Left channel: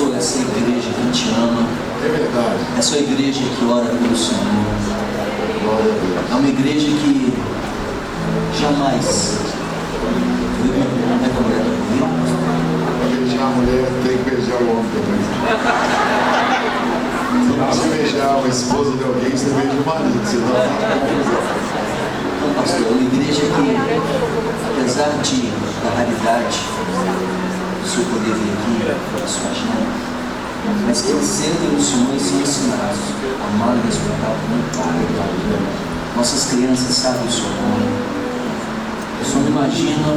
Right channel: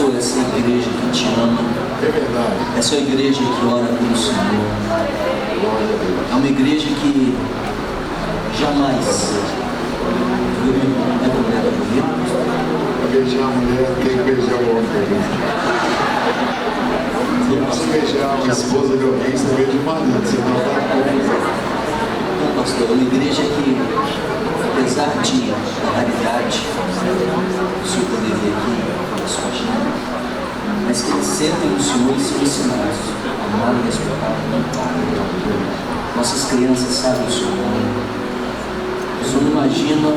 pastor, essa igreja que te ama, É verdade. essa igreja que ora pelo Senhor, Glória a Deus. é uma igreja que jamais viu é mulher comigo. Para beijar a mulher, tem que beijar o homem também. Se beijar a esposa de alguém, você beija o marido, senão tá confusão. Então, pastor, é uma igreja que, apesar da raridade do senhor poder vir aqui, pela sua agenda, mas que eles sentem o Senhor e são ensinados a amar e respeitar o não para. Nossas crianças sabem o seu nome. O senhor não imagina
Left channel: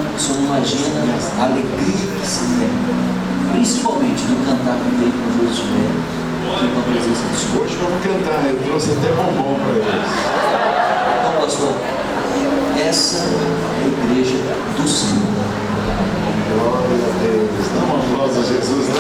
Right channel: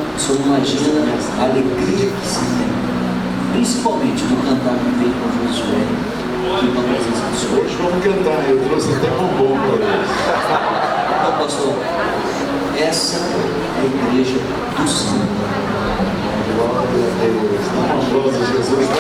a alegria que se tem, principalmente do cantar com o peito com Josué, aqui com a presença do Senhor. Hoje vamos cantar, eu trouxe até bombom para eles. Então, pastor, essa é a igreja do Senhor. Glória a Deus. Dá uma aplauso a Jesus, né?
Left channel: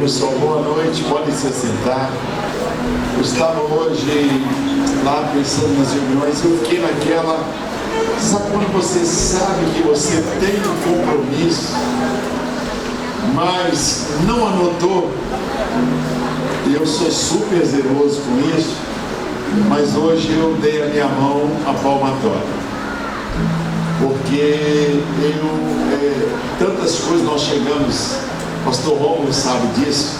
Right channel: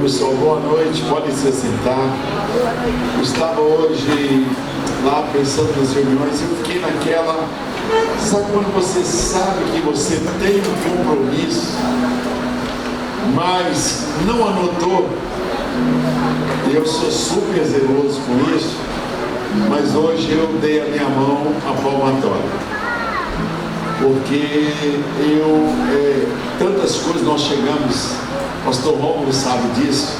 Pessoal, boa noite, podem se sentar. Eu estava hoje lá pensando nas reuniões, eu fiquei naquela, sabe quando você sabe que você tem um compromisso, mas não anotou? E eu sou super zeloso com isso, mas hoje eu dei a minha mão à palmatória, porque tantas coisas nós chegamos. Pastor Rômulo sabe disso.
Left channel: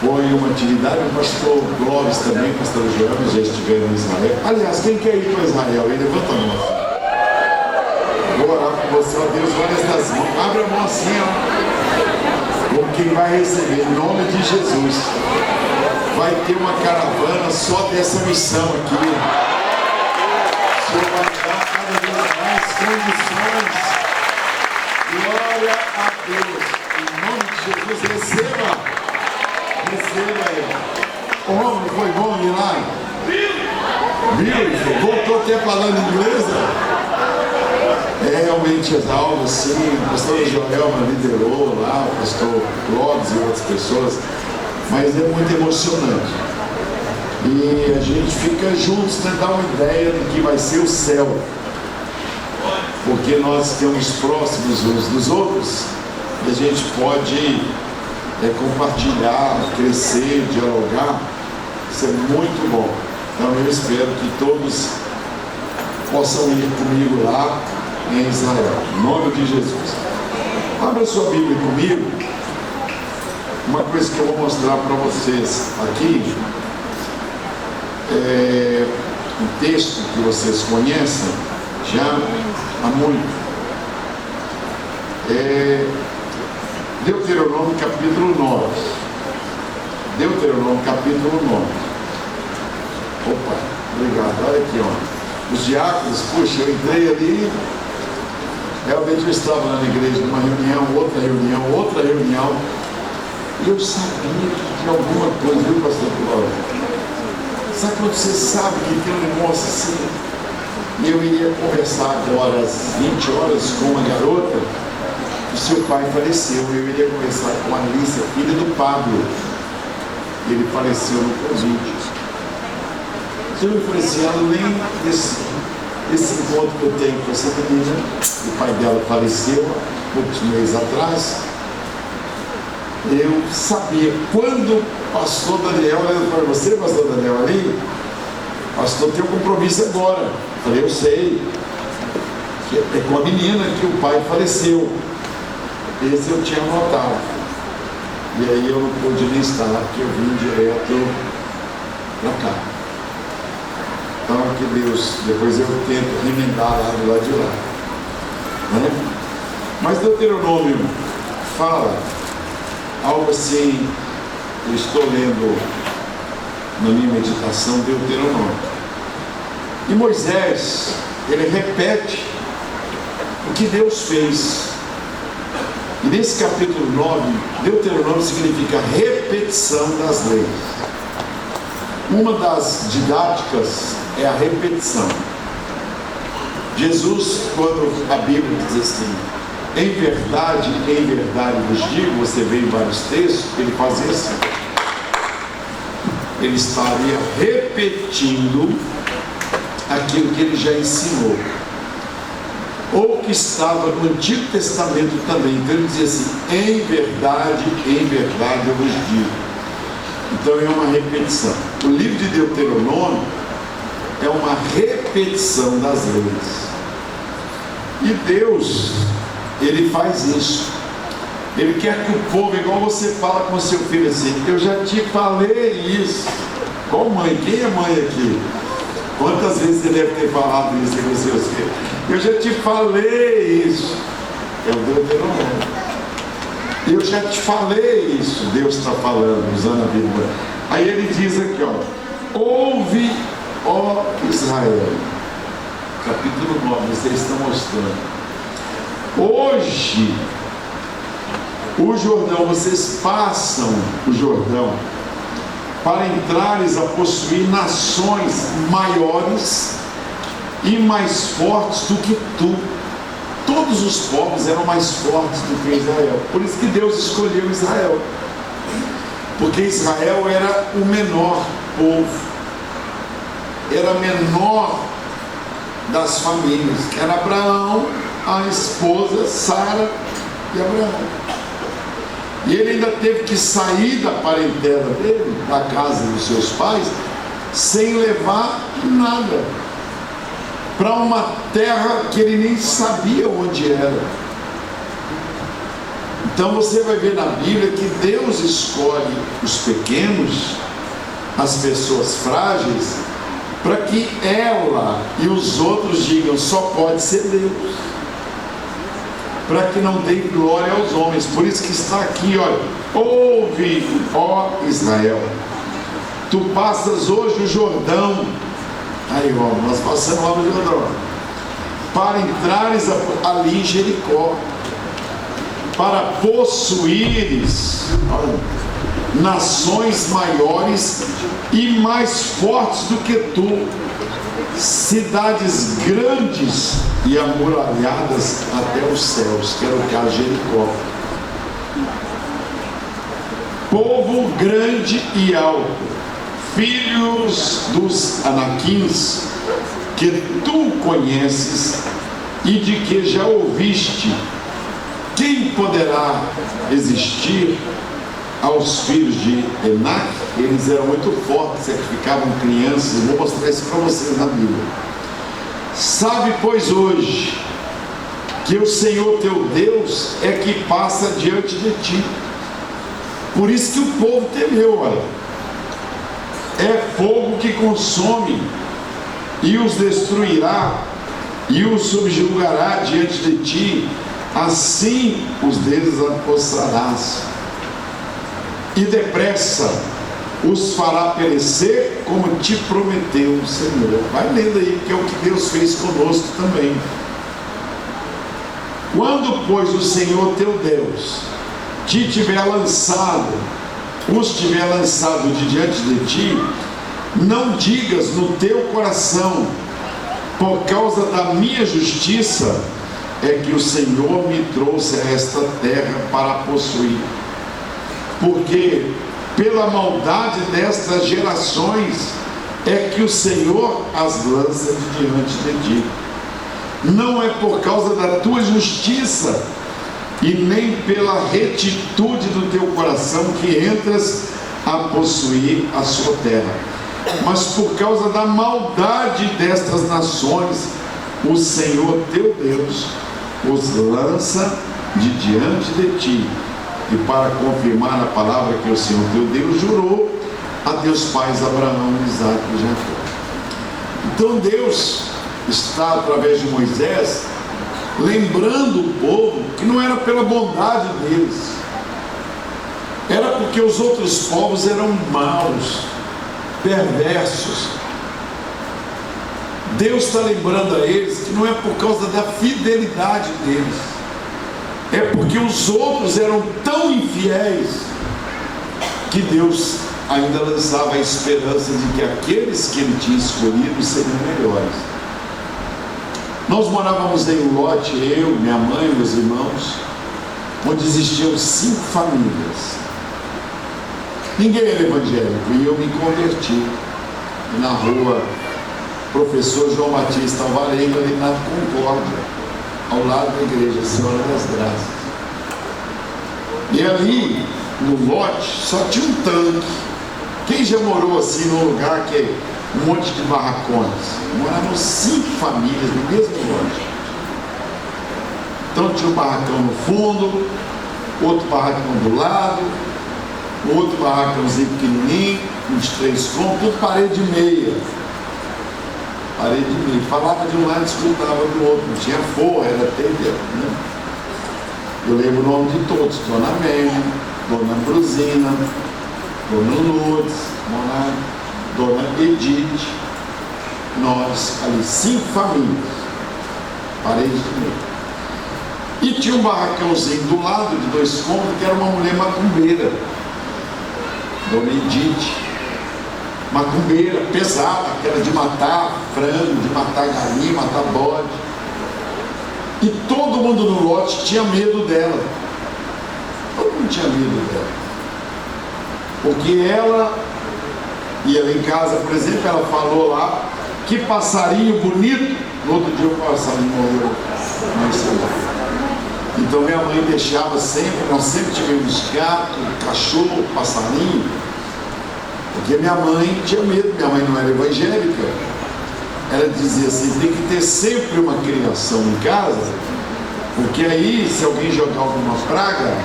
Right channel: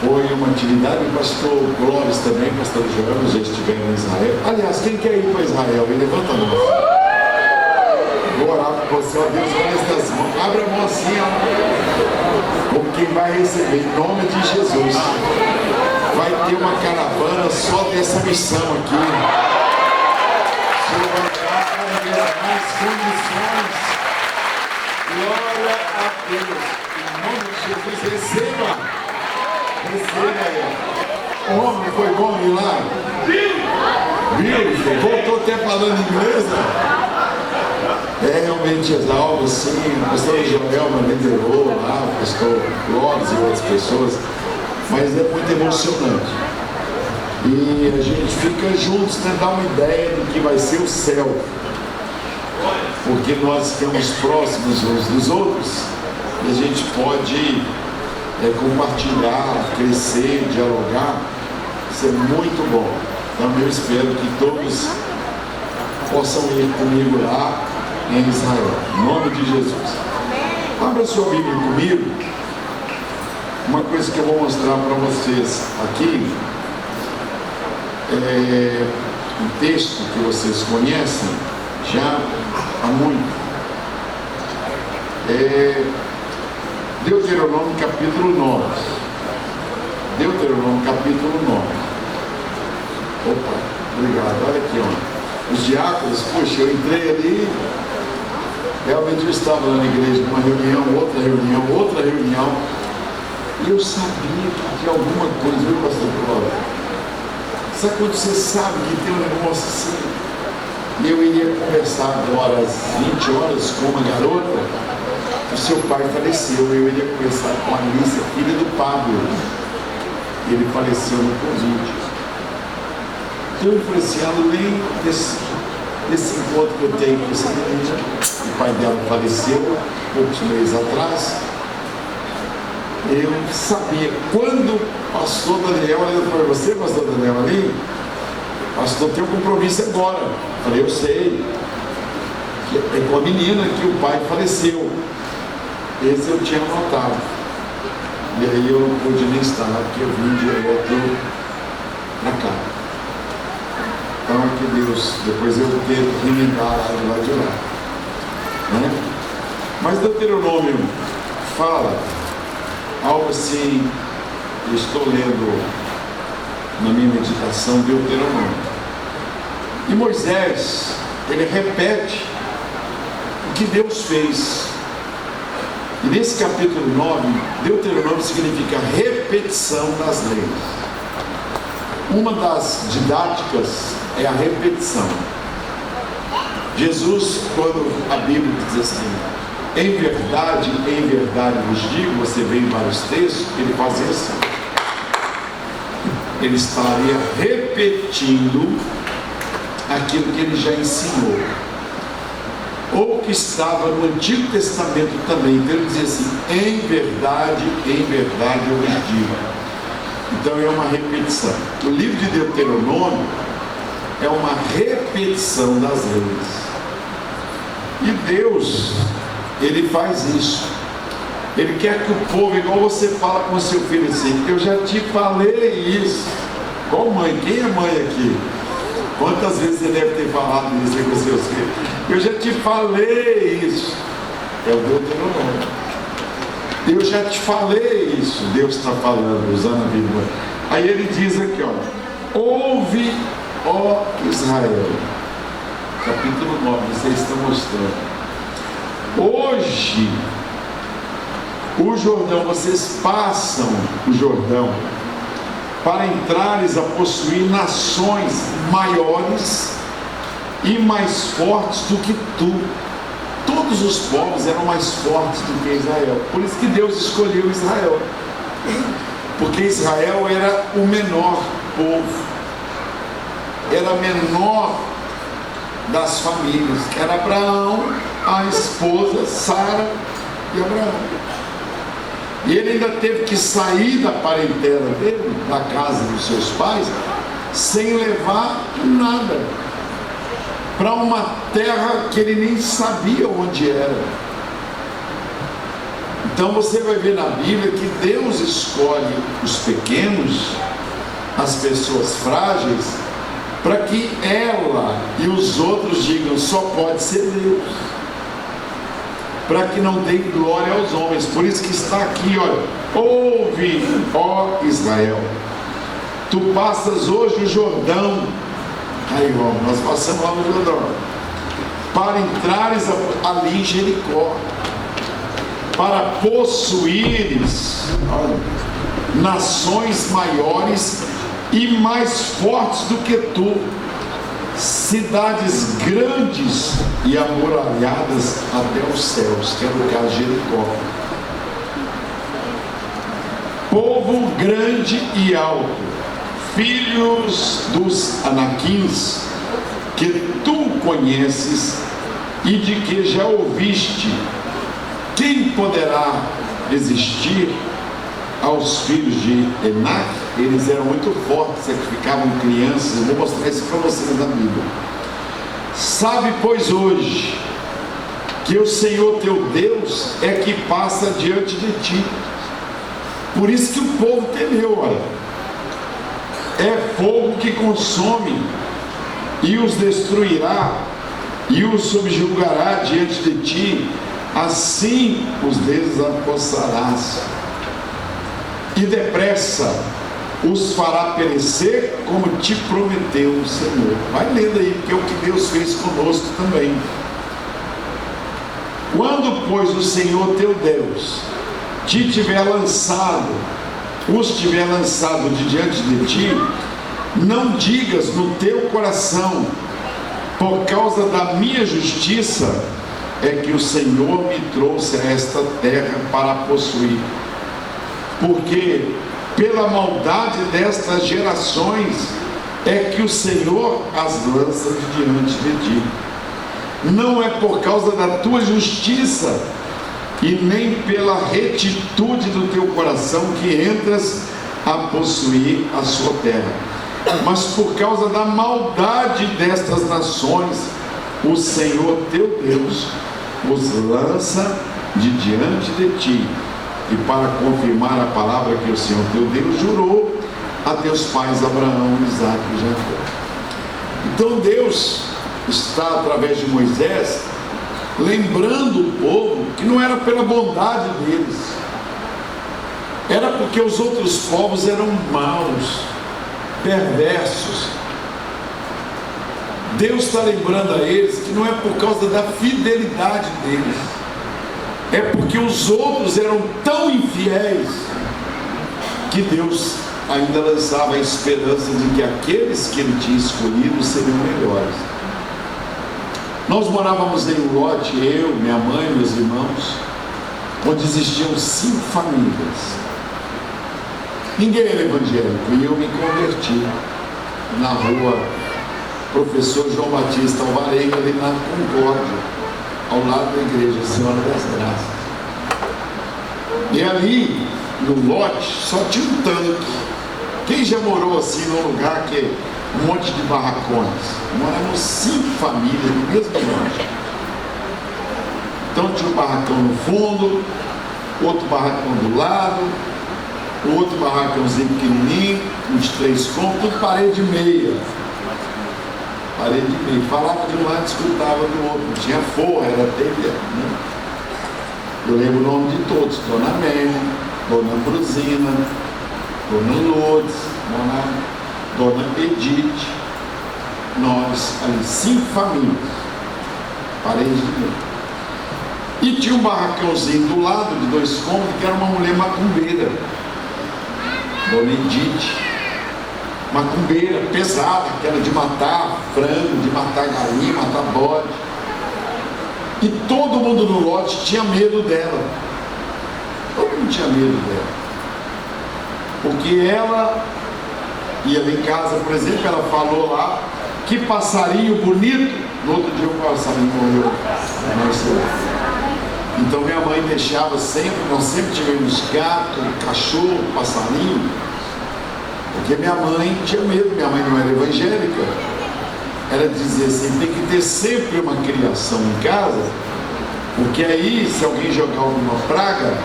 Foi uma atividade, o pastor Glóris também, o pastor João, já estiveram em Israel. Aliás, quem quer ir para Israel? Ele levanta a mão. Vou orar com você, ó Deus, olha estas mãos. Abre a mão assim, ó. Como quem vai receber, em nome de Jesus. Vai ter uma caravana só dessa missão aqui. O Senhor vai dar cada vez mais condições. Glória a Deus. Em nome de Jesus, receba aí. O homem foi bom ir lá? Viu? Voltou até falando inglês? É realmente algo assim. O pastor Joelma liderou lá, o pastor Clóvis e outras pessoas, mas é muito emocionante. E a gente fica juntos, né, dar uma ideia do que vai ser o céu, porque nós ficamos próximos uns dos outros. E a gente pode compartilhar, crescer, dialogar. Isso é muito bom. Então eu espero que todos possam ir comigo lá em Israel. Em nome de Jesus. Abra sua Bíblia comigo. Uma coisa que eu vou mostrar para vocês aqui é um texto que vocês conhecem já há muito. Deuteronômio capítulo 9. Deuteronômio capítulo 9. Opa, obrigado. Olha aqui, ó. Os diáconos, puxa, eu entrei ali. Realmente eu estava na igreja, numa reunião, outra reunião. E eu sabia que tinha alguma coisa, viu, pastor Cláudio? Sabe quando você sabe que tem um negócio assim? E eu ia conversar agora às 20 horas com uma garota. O seu pai faleceu, eu iria conversar com a Alice, filha do Pablo. Ele faleceu no Covid. Então eu falei assim, além desse encontro que eu tenho com essa menina, o pai dela faleceu poucos meses atrás, eu sabia, quando o pastor Daniel, olhando para você, pastor Daniel, ali, pastor, tem um compromisso agora. Eu falei, eu sei, que é com a menina que o pai faleceu. Esse eu tinha anotado. E aí eu não pude nem estar, porque eu vim direto para cá. Então que Deus, depois eu tento remendar lá do lado de lá. Né? Mas Deuteronômio fala algo assim, eu estou lendo na minha meditação Deuteronômio. E Moisés, ele repete o que Deus fez. E nesse capítulo 9, Deuteronômio significa repetição das leis. Uma das didáticas é a repetição. Jesus, quando a Bíblia diz assim, em verdade vos digo, você vê em vários textos, ele fazia assim. Ele estaria repetindo aquilo que ele já ensinou, ou que estava no Antigo Testamento também. Então ele dizia assim, em verdade eu vos digo. Então é uma repetição. O livro de Deuteronômio é uma repetição das leis. E Deus, ele faz isso. Ele quer que o povo, igual você fala com o seu filho assim, eu já te falei isso. Qual mãe? Quem é mãe aqui? Quantas vezes você deve ter falado isso com seus filhos? Eu já te falei isso. É o Deuteronômio. Eu já te falei isso. Deus está falando, usando a Bíblia. Aí ele diz aqui, ó, ouve, ó Israel. Capítulo 9, vocês estão mostrando. Hoje, o Jordão, vocês passam o Jordão para entrares a possuir nações maiores e mais fortes do que tu. Todos os povos eram mais fortes do que Israel. Por isso que Deus escolheu Israel. Porque Israel era o menor povo. Era menor das famílias. Era Abraão, a esposa Sara e Abraão. E ele ainda teve que sair da parentela dele, da casa dos seus pais, sem levar nada, para uma terra que ele nem sabia onde era. Então você vai ver na Bíblia que Deus escolhe os pequenos, as pessoas frágeis, para que ela e os outros digam, só pode ser Deus, para que não dê glória aos homens. Por isso que está aqui, olha, ouve, ó Israel, tu passas hoje o Jordão. Aí, ó, nós passamos lá no Jordão, para entrares ali em Jericó, para possuíres, olha, nações maiores e mais fortes do que tu, cidades grandes e amuralhadas até os céus, que era o caso de Jericó. Povo grande e alto, filhos dos Anaquins, que tu conheces e de que já ouviste, quem poderá resistir aos filhos de Enac? Eles eram muito fortes, sacrificavam crianças. Eu vou mostrar isso para vocês na Bíblia. Sabe, pois, hoje, que o Senhor teu Deus é que passa diante de ti. Por isso que o povo temeu, olha. É fogo que consome e os destruirá e os subjugará diante de ti, assim os desapossarás e depressa os fará perecer, como te prometeu o Senhor. Vai lendo aí, que é o que Deus fez conosco também. Quando, pois, o Senhor teu Deus te tiver lançado, os tiver lançado de diante de ti, não digas no teu coração, por causa da minha justiça é que o Senhor me trouxe a esta terra para possuir, porque pela maldade destas gerações é que o Senhor as lança de diante de ti. Não é por causa da tua justiça e nem pela retitude do teu coração que entras a possuir a sua terra, mas por causa da maldade destas nações o Senhor teu Deus os lança de diante de ti, e para confirmar a palavra que o Senhor teu Deus jurou a teus pais Abraão, Isaque e Jacó. Então Deus está, através de Moisés, lembrando o povo que não era pela bondade deles, era porque os outros povos eram maus, perversos. Deus está lembrando a eles que não é por causa da fidelidade deles, é porque os outros eram tão infiéis que Deus ainda lançava a esperança de que aqueles que Ele tinha escolhido seriam melhores. Nós morávamos em Lote, eu, minha mãe, meus irmãos, onde existiam 5 famílias. Ninguém era evangélico e eu me converti na rua Professor João Batista Alvarenga, ali na Concórdia, ao lado da igreja Senhora das Graças. E ali, no lote, só tinha um tanque. Quem já morou assim num lugar que é um monte de barracões? Moravam 5 famílias no mesmo lote. Então tinha um barracão no fundo, outro barracão do lado, outro barracãozinho pequenininho, uns 3 cômodos, tudo parede meia. Parede meia. Falava de um lado e escutava do outro. Não tinha forra, era telha, né? Eu lembro o nome de todos: Dona Amélia, Dona Brusina, Dona Lourdes, Dona Edith. Nós, ali, 5 famílias, parede de meia. E tinha um barracãozinho do lado de 2 cômodos que era uma mulher macumbeira, Dona Edith, macumbeira pesada, que era de matar frango, de matar galinha, matar bode. E todo mundo no lote tinha medo dela. Todo mundo tinha medo dela. Porque ela ia lá em casa, por exemplo, ela falou lá: que passarinho bonito. No outro dia o passarinho morreu. Então minha mãe deixava sempre, nós sempre tivemos gato, cachorro, passarinho, porque minha mãe tinha medo. Minha mãe não era evangélica. Ela dizia assim: tem que ter sempre uma criação em casa, porque aí, se alguém jogar alguma praga,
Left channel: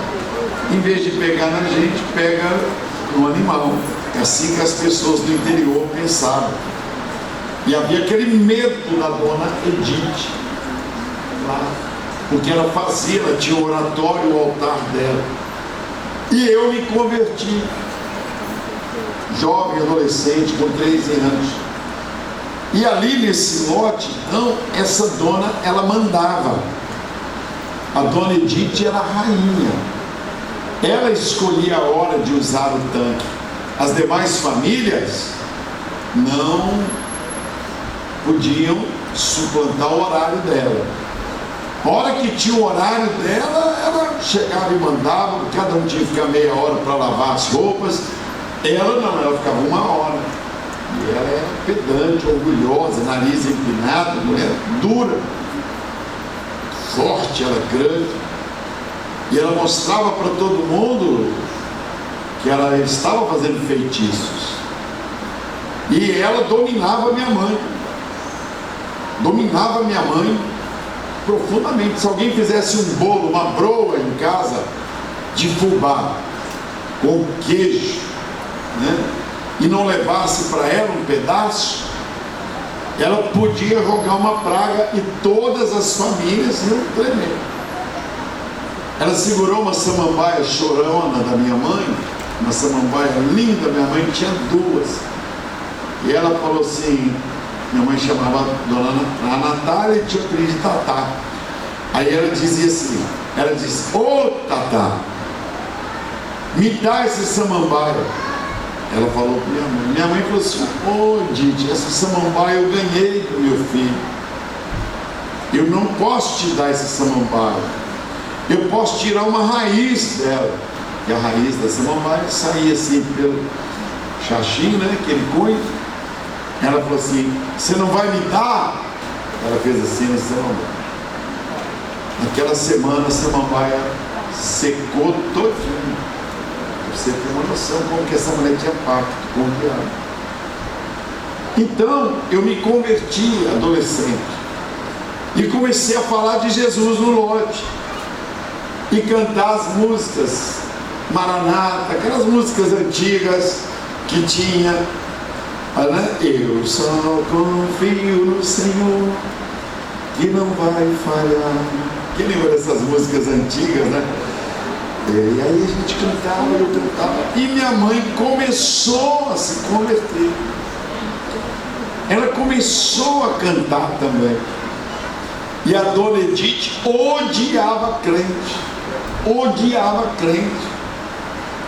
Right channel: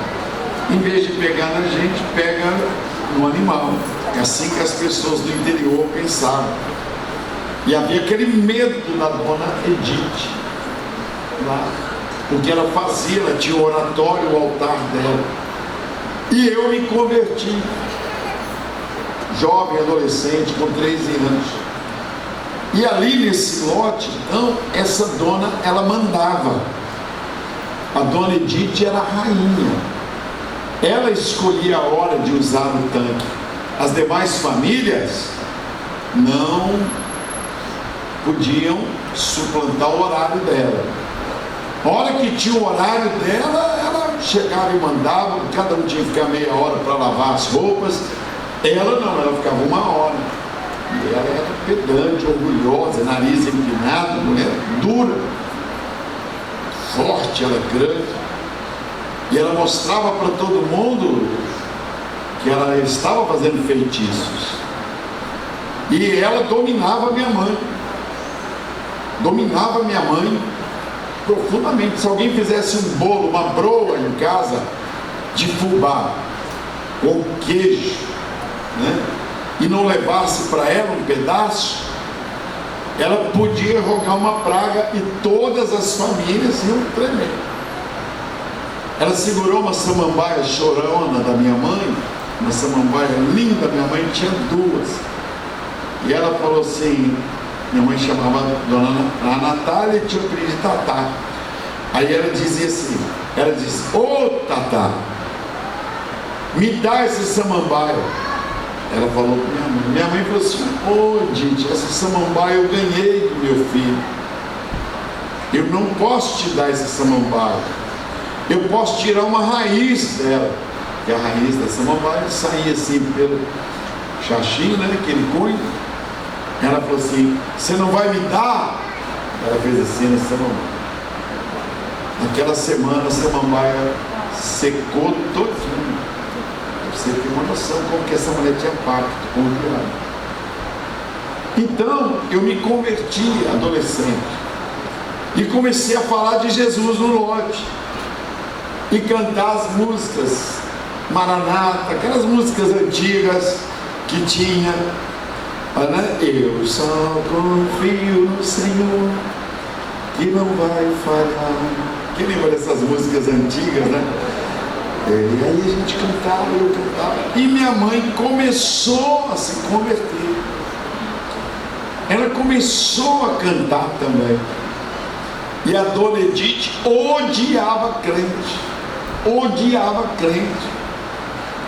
em vez de pegar na gente, pega no animal. É assim que as pessoas do interior pensavam. E havia aquele medo da Dona Edith lá, porque ela fazia, ela tinha o oratório, o altar dela. E eu me converti, jovem, adolescente, com 13 anos. E ali nesse lote, então, essa dona, ela mandava. A Dona Edith era a rainha. Ela escolhia a hora de usar o tanque. As demais famílias não podiam suplantar o horário dela. A hora que tinha o horário dela, ela chegava e mandava, cada um tinha que ficar meia hora para lavar as roupas. Ela não, ela ficava 1 hora. E ela era pedante, orgulhosa, nariz empinado, mulher dura, forte, ela grande. E ela mostrava para todo mundo que ela estava fazendo feitiços. E ela dominava minha mãe. Dominava minha mãe profundamente. Se alguém fizesse um bolo, uma broa em casa de fubá ou queijo, né, e não levasse para ela um pedaço, ela podia rogar uma praga e todas as famílias iam tremer. Ela segurou uma samambaia chorona da minha mãe, uma samambaia linda, minha mãe tinha 2. E ela falou assim, minha mãe chamava Dona Natália e tinha o apelido de Tatá. Aí ela dizia assim, ela disse: ô Tatá, me dá esse samambaia. Ela falou para minha mãe. Minha mãe falou assim: ô Didi, essa samambaia eu ganhei do meu filho. Eu não posso te dar essa samambaia. Eu posso tirar uma raiz dela. E a raiz da samambaia saía assim pelo xaxim, né, aquele cunho. Ela falou assim: você não vai me dar? Ela fez assim na samambaia. Naquela semana a samambaia secou todinho. Você tem uma noção como que essa mulher tinha pacto com o diabo. Então eu me converti adolescente e comecei a falar de Jesus no lote e cantar as músicas Maranata, aquelas músicas antigas que tinha, né? Eu só confio no Senhor que não vai falhar. Quem lembra dessas músicas antigas, né? E aí a gente cantava, eu cantava, e minha mãe começou a se converter. Ela começou a cantar também. E a dona Edith odiava crente. Odiava crente.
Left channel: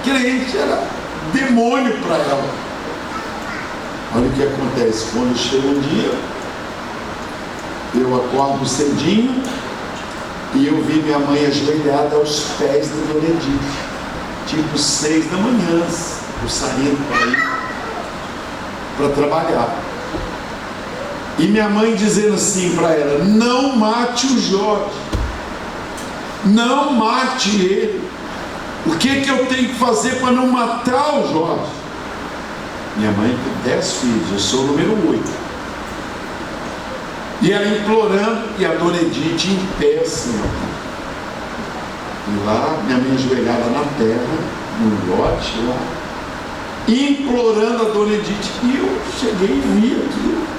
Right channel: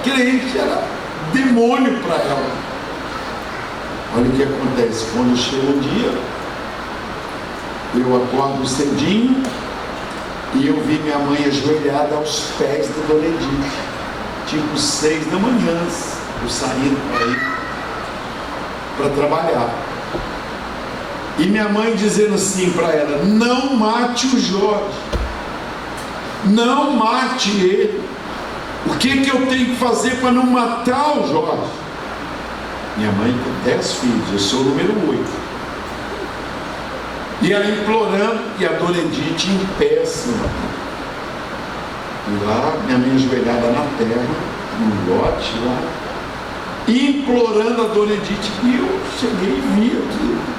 Crente era demônio para ela. Olha o que acontece. Quando chega um dia, eu acordo cedinho e eu vi minha mãe ajoelhada aos pés da dona Edith. Tipo 6 da manhã, eu saindo para ir para trabalhar. E minha mãe dizendo assim para ela: não mate o Jorge, não mate ele. O que eu tenho que fazer para não matar o Jorge? Minha mãe tem 10 filhos, eu sou o número 8. E ela implorando, e a dona Edith em pé assim, e lá, minha mãe ajoelhada na terra, no lote lá, implorando a dona Edith. E eu cheguei e vi aquilo.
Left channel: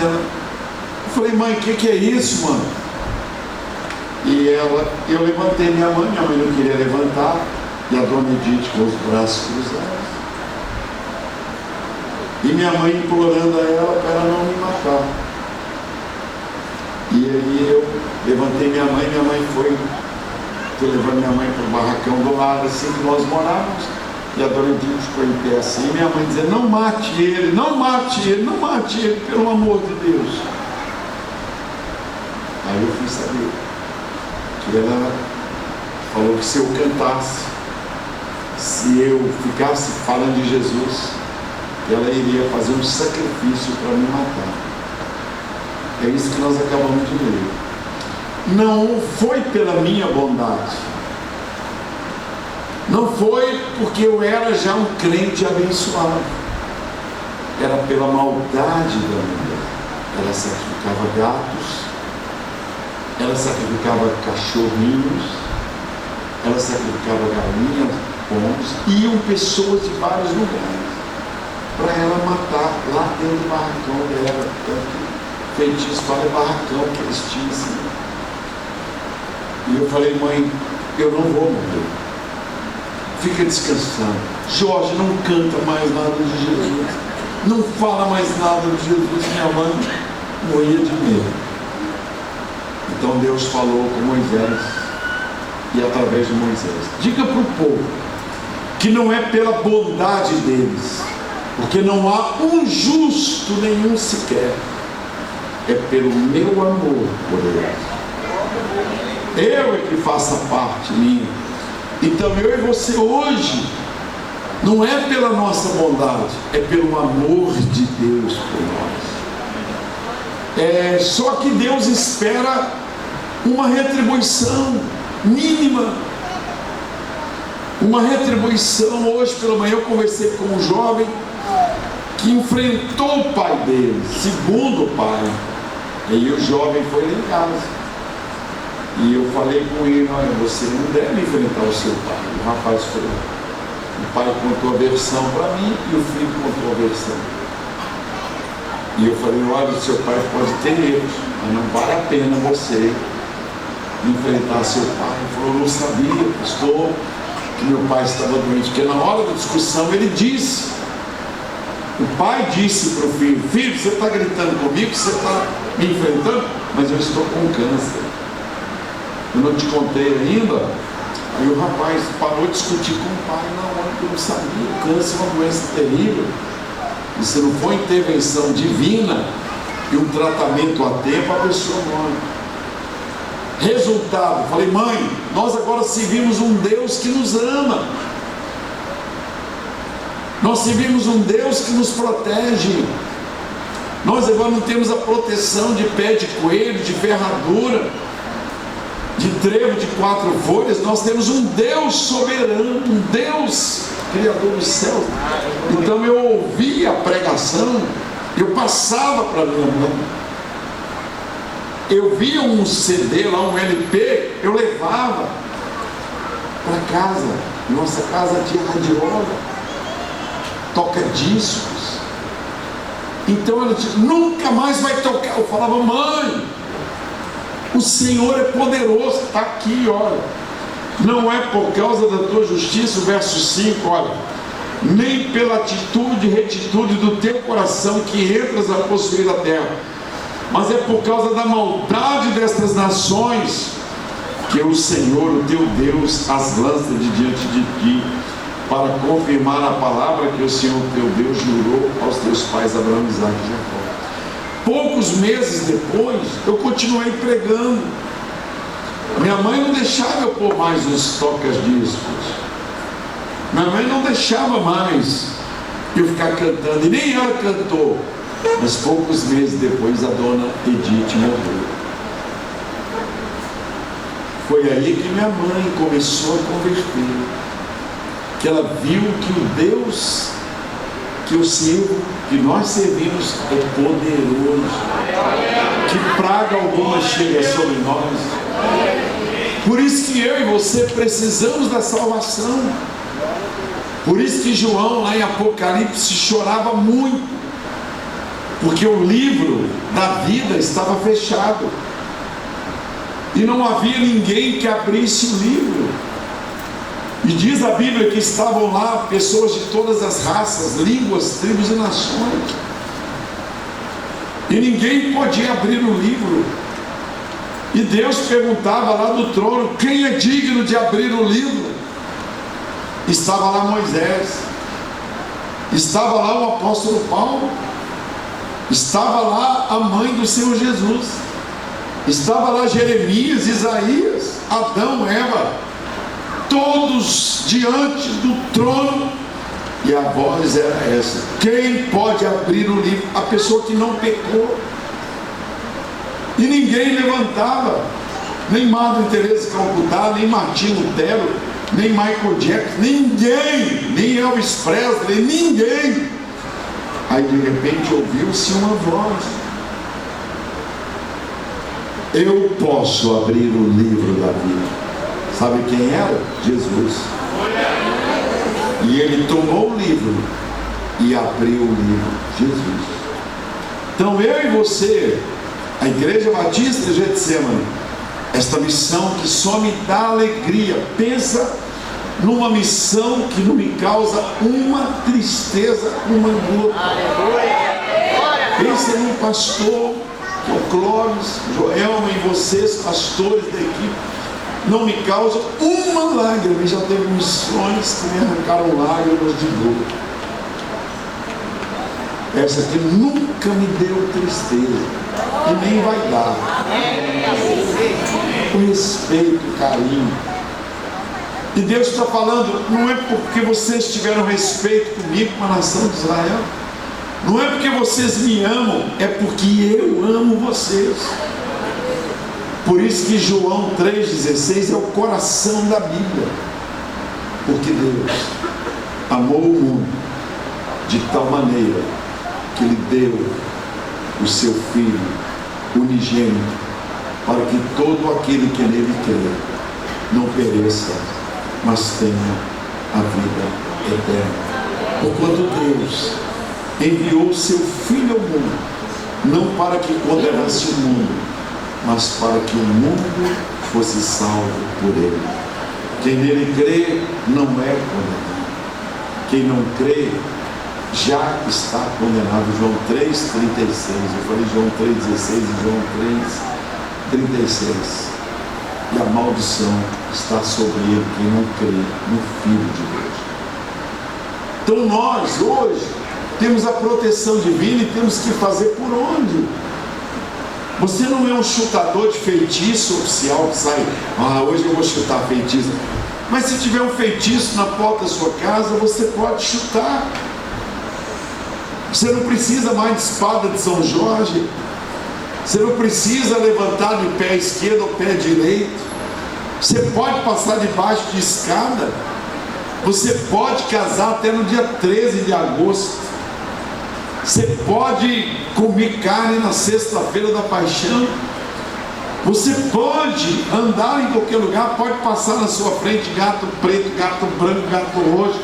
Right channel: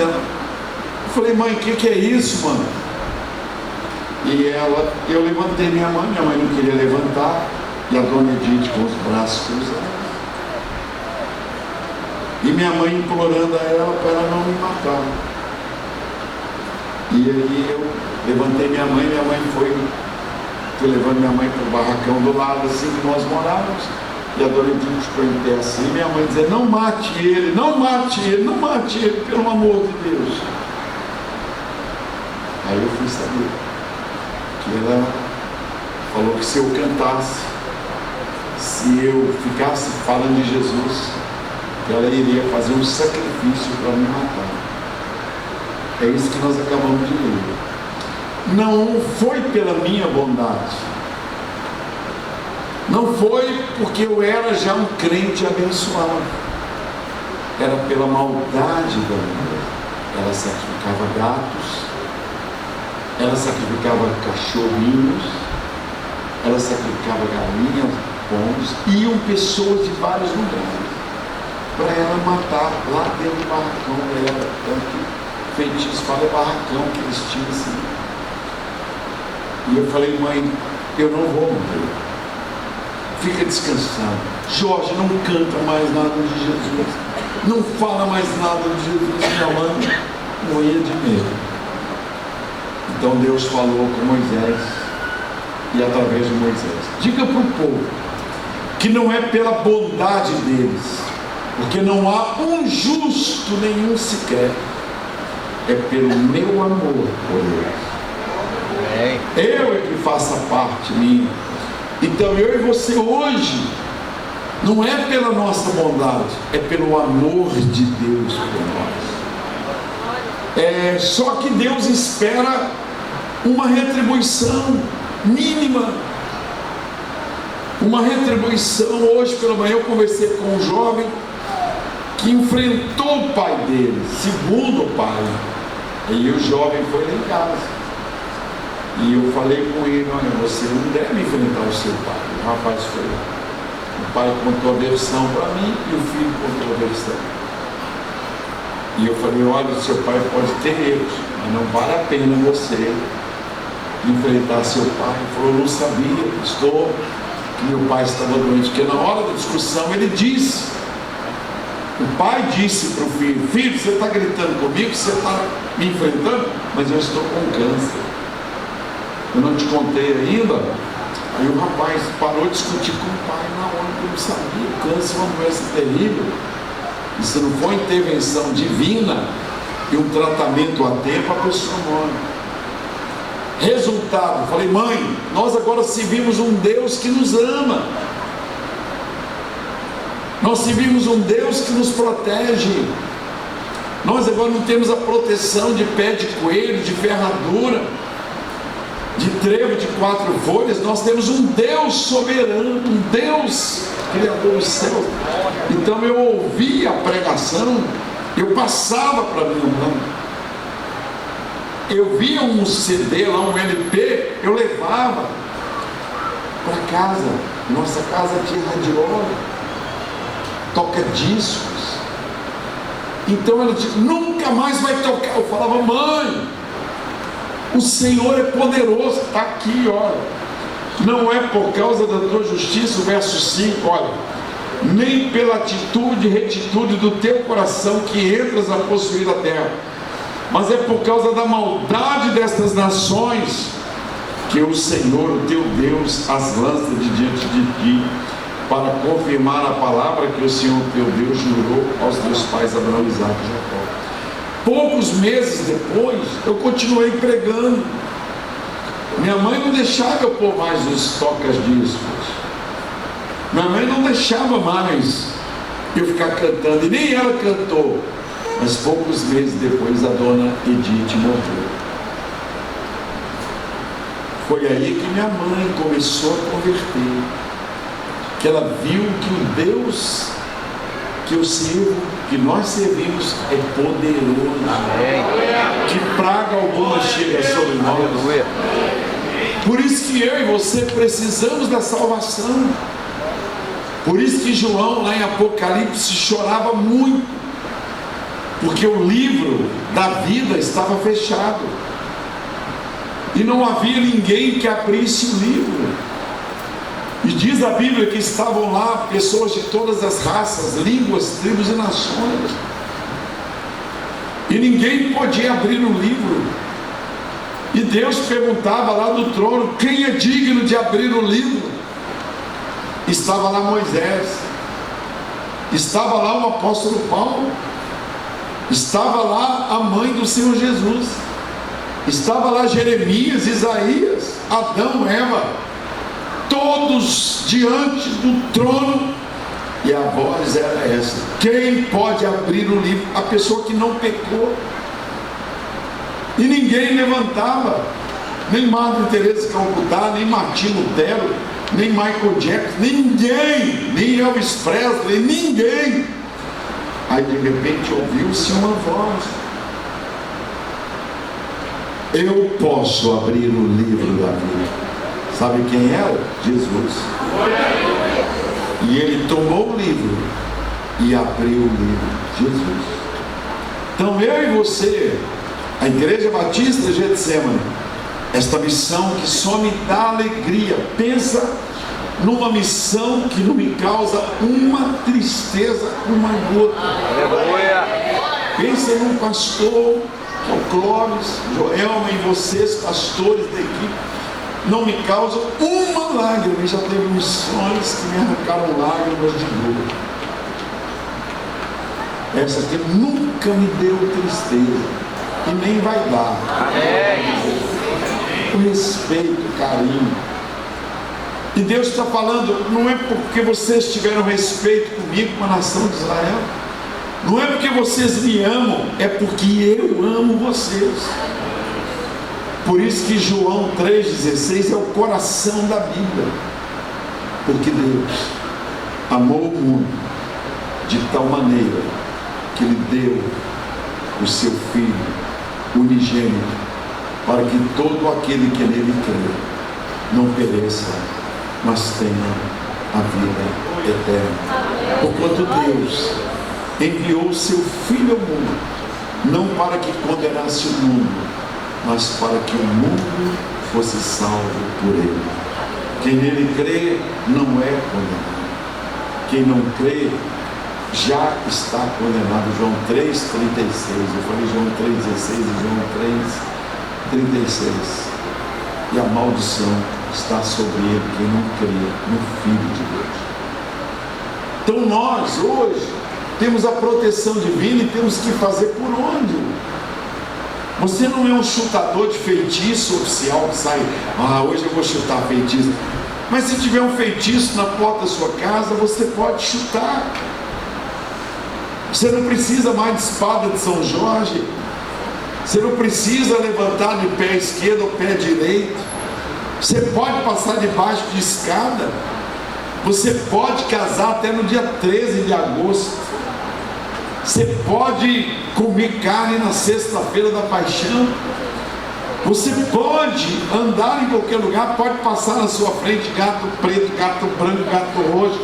Eu falei: mãe, o que é isso, mano? E eu levantei minha mãe não queria levantar, e a dona Edith com os braços cruzados. E minha mãe implorando a ela para ela não me matar. E aí eu levantei minha mãe foi, fui levando minha mãe para o barracão do lado, assim que nós morávamos. E a dona Edith ficou em pé assim, e minha mãe dizia: não mate ele, não mate ele, não mate ele, pelo amor de Deus. Aí eu fui saber que ela falou que se eu cantasse, se eu ficasse falando de Jesus, ela iria fazer um sacrifício para me matar. É isso que nós acabamos de ler. Não foi pela minha bondade, não foi porque eu era já um crente abençoado, era pela maldade da mulher. Ela sacrificava gatos, ela sacrificava cachorrinhos, ela sacrificava galinhas, pombos, iam pessoas de vários lugares para ela matar lá dentro do barracão dela. Tanto feitiço para o barracão que eles tinham assim. E eu falei: mãe, eu não vou morrer, fica descansando. Jorge, não canta mais nada de Jesus, não fala mais nada de Jesus. Minha mãe morria de medo. Então Deus falou com Moisés, e através de Moisés: diga para o povo que não é pela bondade deles, porque não há um justo nenhum sequer, é pelo meu amor por eles. Eu é que faço a parte minha. Então eu e você hoje, não é pela nossa bondade, é pelo amor de Deus por nós. Só que Deus espera uma retribuição mínima. Uma retribuição. Hoje pela manhã eu conversei com um jovem que enfrentou o pai dele, segundo o pai. E o jovem foi lá em casa. E eu falei com ele: olha, você não deve enfrentar o seu pai. O rapaz falou. O pai contou a versão para mim e o filho contou a versão. E eu falei: olha, o seu pai pode ter erros, mas não vale a pena você enfrentar seu pai. Ele falou: eu não sabia, pastor, que meu pai estava doente. Porque na hora da discussão ele disse, o pai disse para o filho: filho, você está gritando comigo, você está me enfrentando, mas eu estou com câncer. Eu não te contei ainda. Aí o rapaz parou de discutir com o pai na hora que eu não sabia. O câncer é uma doença terrível. E se não for intervenção divina e um tratamento a tempo, a pessoa morre. Resultado, falei: mãe, nós agora servimos um Deus que nos ama. Nós servimos um Deus que nos protege. Nós agora não temos a proteção de pé de coelho, de ferradura, de trevo de 4 folhas. Nós temos um Deus soberano, um Deus criador do céu. Então eu ouvia a pregação, eu passava para minha mãe, eu via um CD lá, um LP, eu levava para casa. Nossa casa tinha radiola, toca discos. Então ela disse: nunca mais vai tocar. Eu falava: mãe, O Senhor é poderoso, está aqui, olha. Não é por causa da tua justiça, o verso 5, olha, nem pela atitude e retitude do teu coração que entras a possuir a terra, mas é por causa da maldade destas nações que o Senhor, o teu Deus, as lança de diante de ti, para confirmar a palavra que o Senhor teu Deus jurou aos teus pais Abraão, Isaque e Jacó. Poucos meses depois, eu continuei pregando. Minha mãe não deixava eu pôr mais os tocas-discos. Minha mãe não deixava mais eu ficar cantando, e nem ela cantou. Mas poucos meses depois a dona Edith morreu. Foi aí que minha mãe começou a converter. Que ela viu que o Deus que eu sirvo, que nós servimos, é poderoso. Que praga alguma chega sobre nós. Por isso que eu e você precisamos da salvação. Por isso que João, lá em Apocalipse, chorava muito, porque o livro da vida estava fechado e não havia ninguém que abrisse o livro. E diz a Bíblia que estavam lá pessoas de todas as raças, línguas, tribos e nações, e ninguém podia abrir o livro. E Deus perguntava lá do trono: quem é digno de abrir o livro? Estava lá Moisés, estava lá o apóstolo Paulo, estava lá a mãe do Senhor Jesus, estava lá Jeremias, Isaías, Adão, Eva, todos diante do trono. E a voz era essa: quem pode abrir o livro? A pessoa que não pecou. E ninguém levantava, nem Madre Teresa de Calcutá, nem Martinho Lutero, nem Michael Jackson, ninguém, nem Elvis Presley, ninguém. Aí de repente ouviu-se uma voz: eu posso abrir o livro da vida. Sabe quem era? Jesus. E ele tomou o livro e abriu o livro. Jesus. Então eu e você, a Igreja Batista de Getsemane, esta missão que só me dá alegria. Pensa numa missão que não me causa uma tristeza, uma gota. Pensa num pastor, que é o Clóvis, Joelma e vocês, pastores da equipe, não me causa uma lágrima. E já teve missões que me arrancaram lágrimas de dor. Essa aqui nunca me deu tristeza e nem vai dar. O respeito, o carinho. E Deus está falando: não é porque vocês tiveram respeito comigo, com a nação de Israel, não é porque vocês me amam, é porque eu amo vocês. Por isso que João 3,16 é o coração da Bíblia. Porque Deus amou o mundo de tal maneira que Ele deu o seu Filho unigênito, para que todo aquele que nele crê não pereça, mas tenha a vida eterna. Porquanto Deus enviou o seu Filho ao mundo, não para que condenasse o mundo, mas para que o mundo fosse salvo por ele. Quem nele crê não é condenado. Quem não crê já está condenado. João 3,36. Eu falei João 3,16 e João 3,36. E a maldição está sobre ele quem não crê no Filho de Deus. Então nós hoje temos a proteção divina e temos que fazer por onde? Você não é um chutador de feitiço oficial que sai: hoje eu vou chutar feitiço. Mas se tiver um feitiço na porta da sua casa, você pode chutar. Você não precisa mais de espada de São Jorge. Você não precisa levantar de pé esquerdo ou pé direito. Você pode passar debaixo de escada. Você pode casar até no dia 13 de agosto. Você pode comer carne na sexta-feira da paixão. Você pode andar em qualquer lugar, pode passar na sua frente gato preto, gato branco, gato roxo.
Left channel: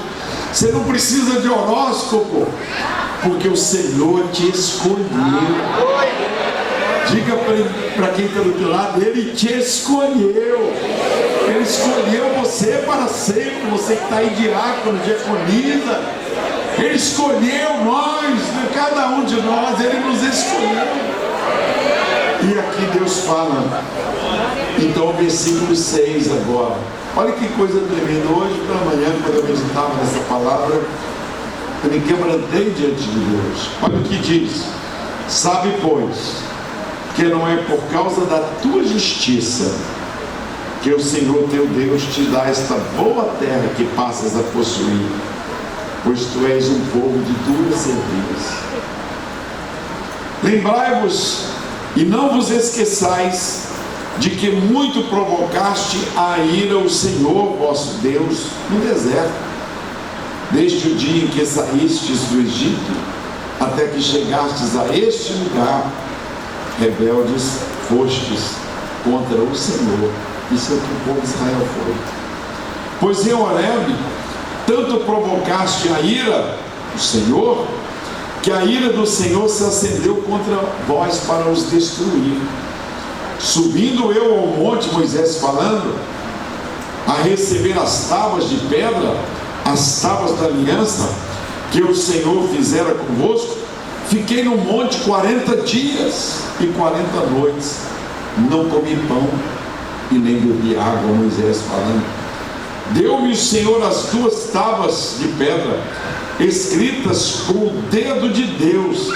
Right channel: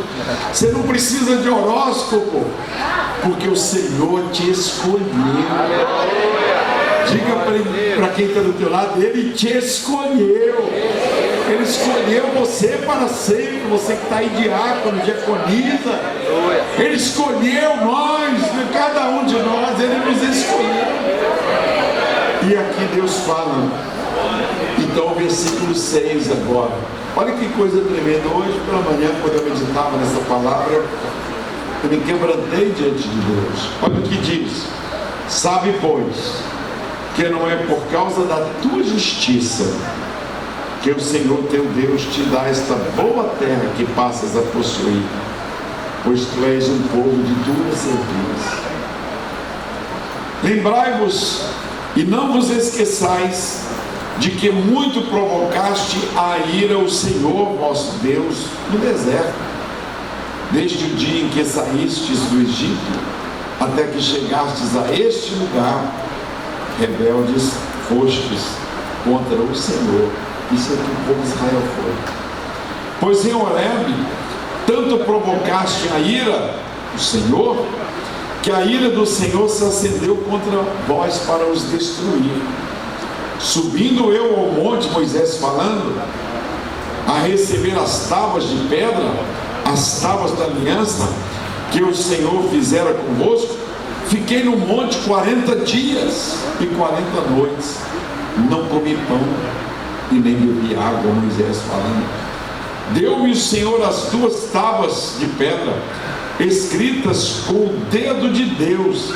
Você não precisa de horóscopo, porque o Senhor te escolheu. Diga para quem está do teu lado, Ele te escolheu. Ele escolheu você para sempre. Você que está aí, diácono, diaconisa. Ele escolheu nós, cada um de nós, Ele nos escolheu. E aqui Deus fala. Então, versículo 6 agora. Olha que coisa tremenda. Hoje pela manhã, quando eu meditava nessa palavra, eu me quebrantei diante de Deus. Olha o que diz: sabe, pois, que não é por causa da tua justiça que o Senhor teu Deus te dá esta boa terra que passas a possuir, pois tu és um povo de dura cerviz. Lembrai-vos e não vos esqueçais de que muito provocaste a ira o Senhor vosso Deus no deserto, desde o dia em que saístes do Egito até que chegastes a este lugar. Rebeldes fostes contra o Senhor. Isso é o que o povo de Israel foi. Pois em Horebe tanto provocaste a ira o Senhor, que a ira do Senhor se acendeu contra vós para os destruir. Subindo eu ao monte, Moisés falando, a receber as tábuas de pedra, as tábuas da aliança que o Senhor fizera convosco, fiquei no monte 40 dias e 40 noites, não comi pão e nem bebi água. Moisés falando. Deu-me o Senhor as duas tábuas de pedra, escritas com o dedo de Deus,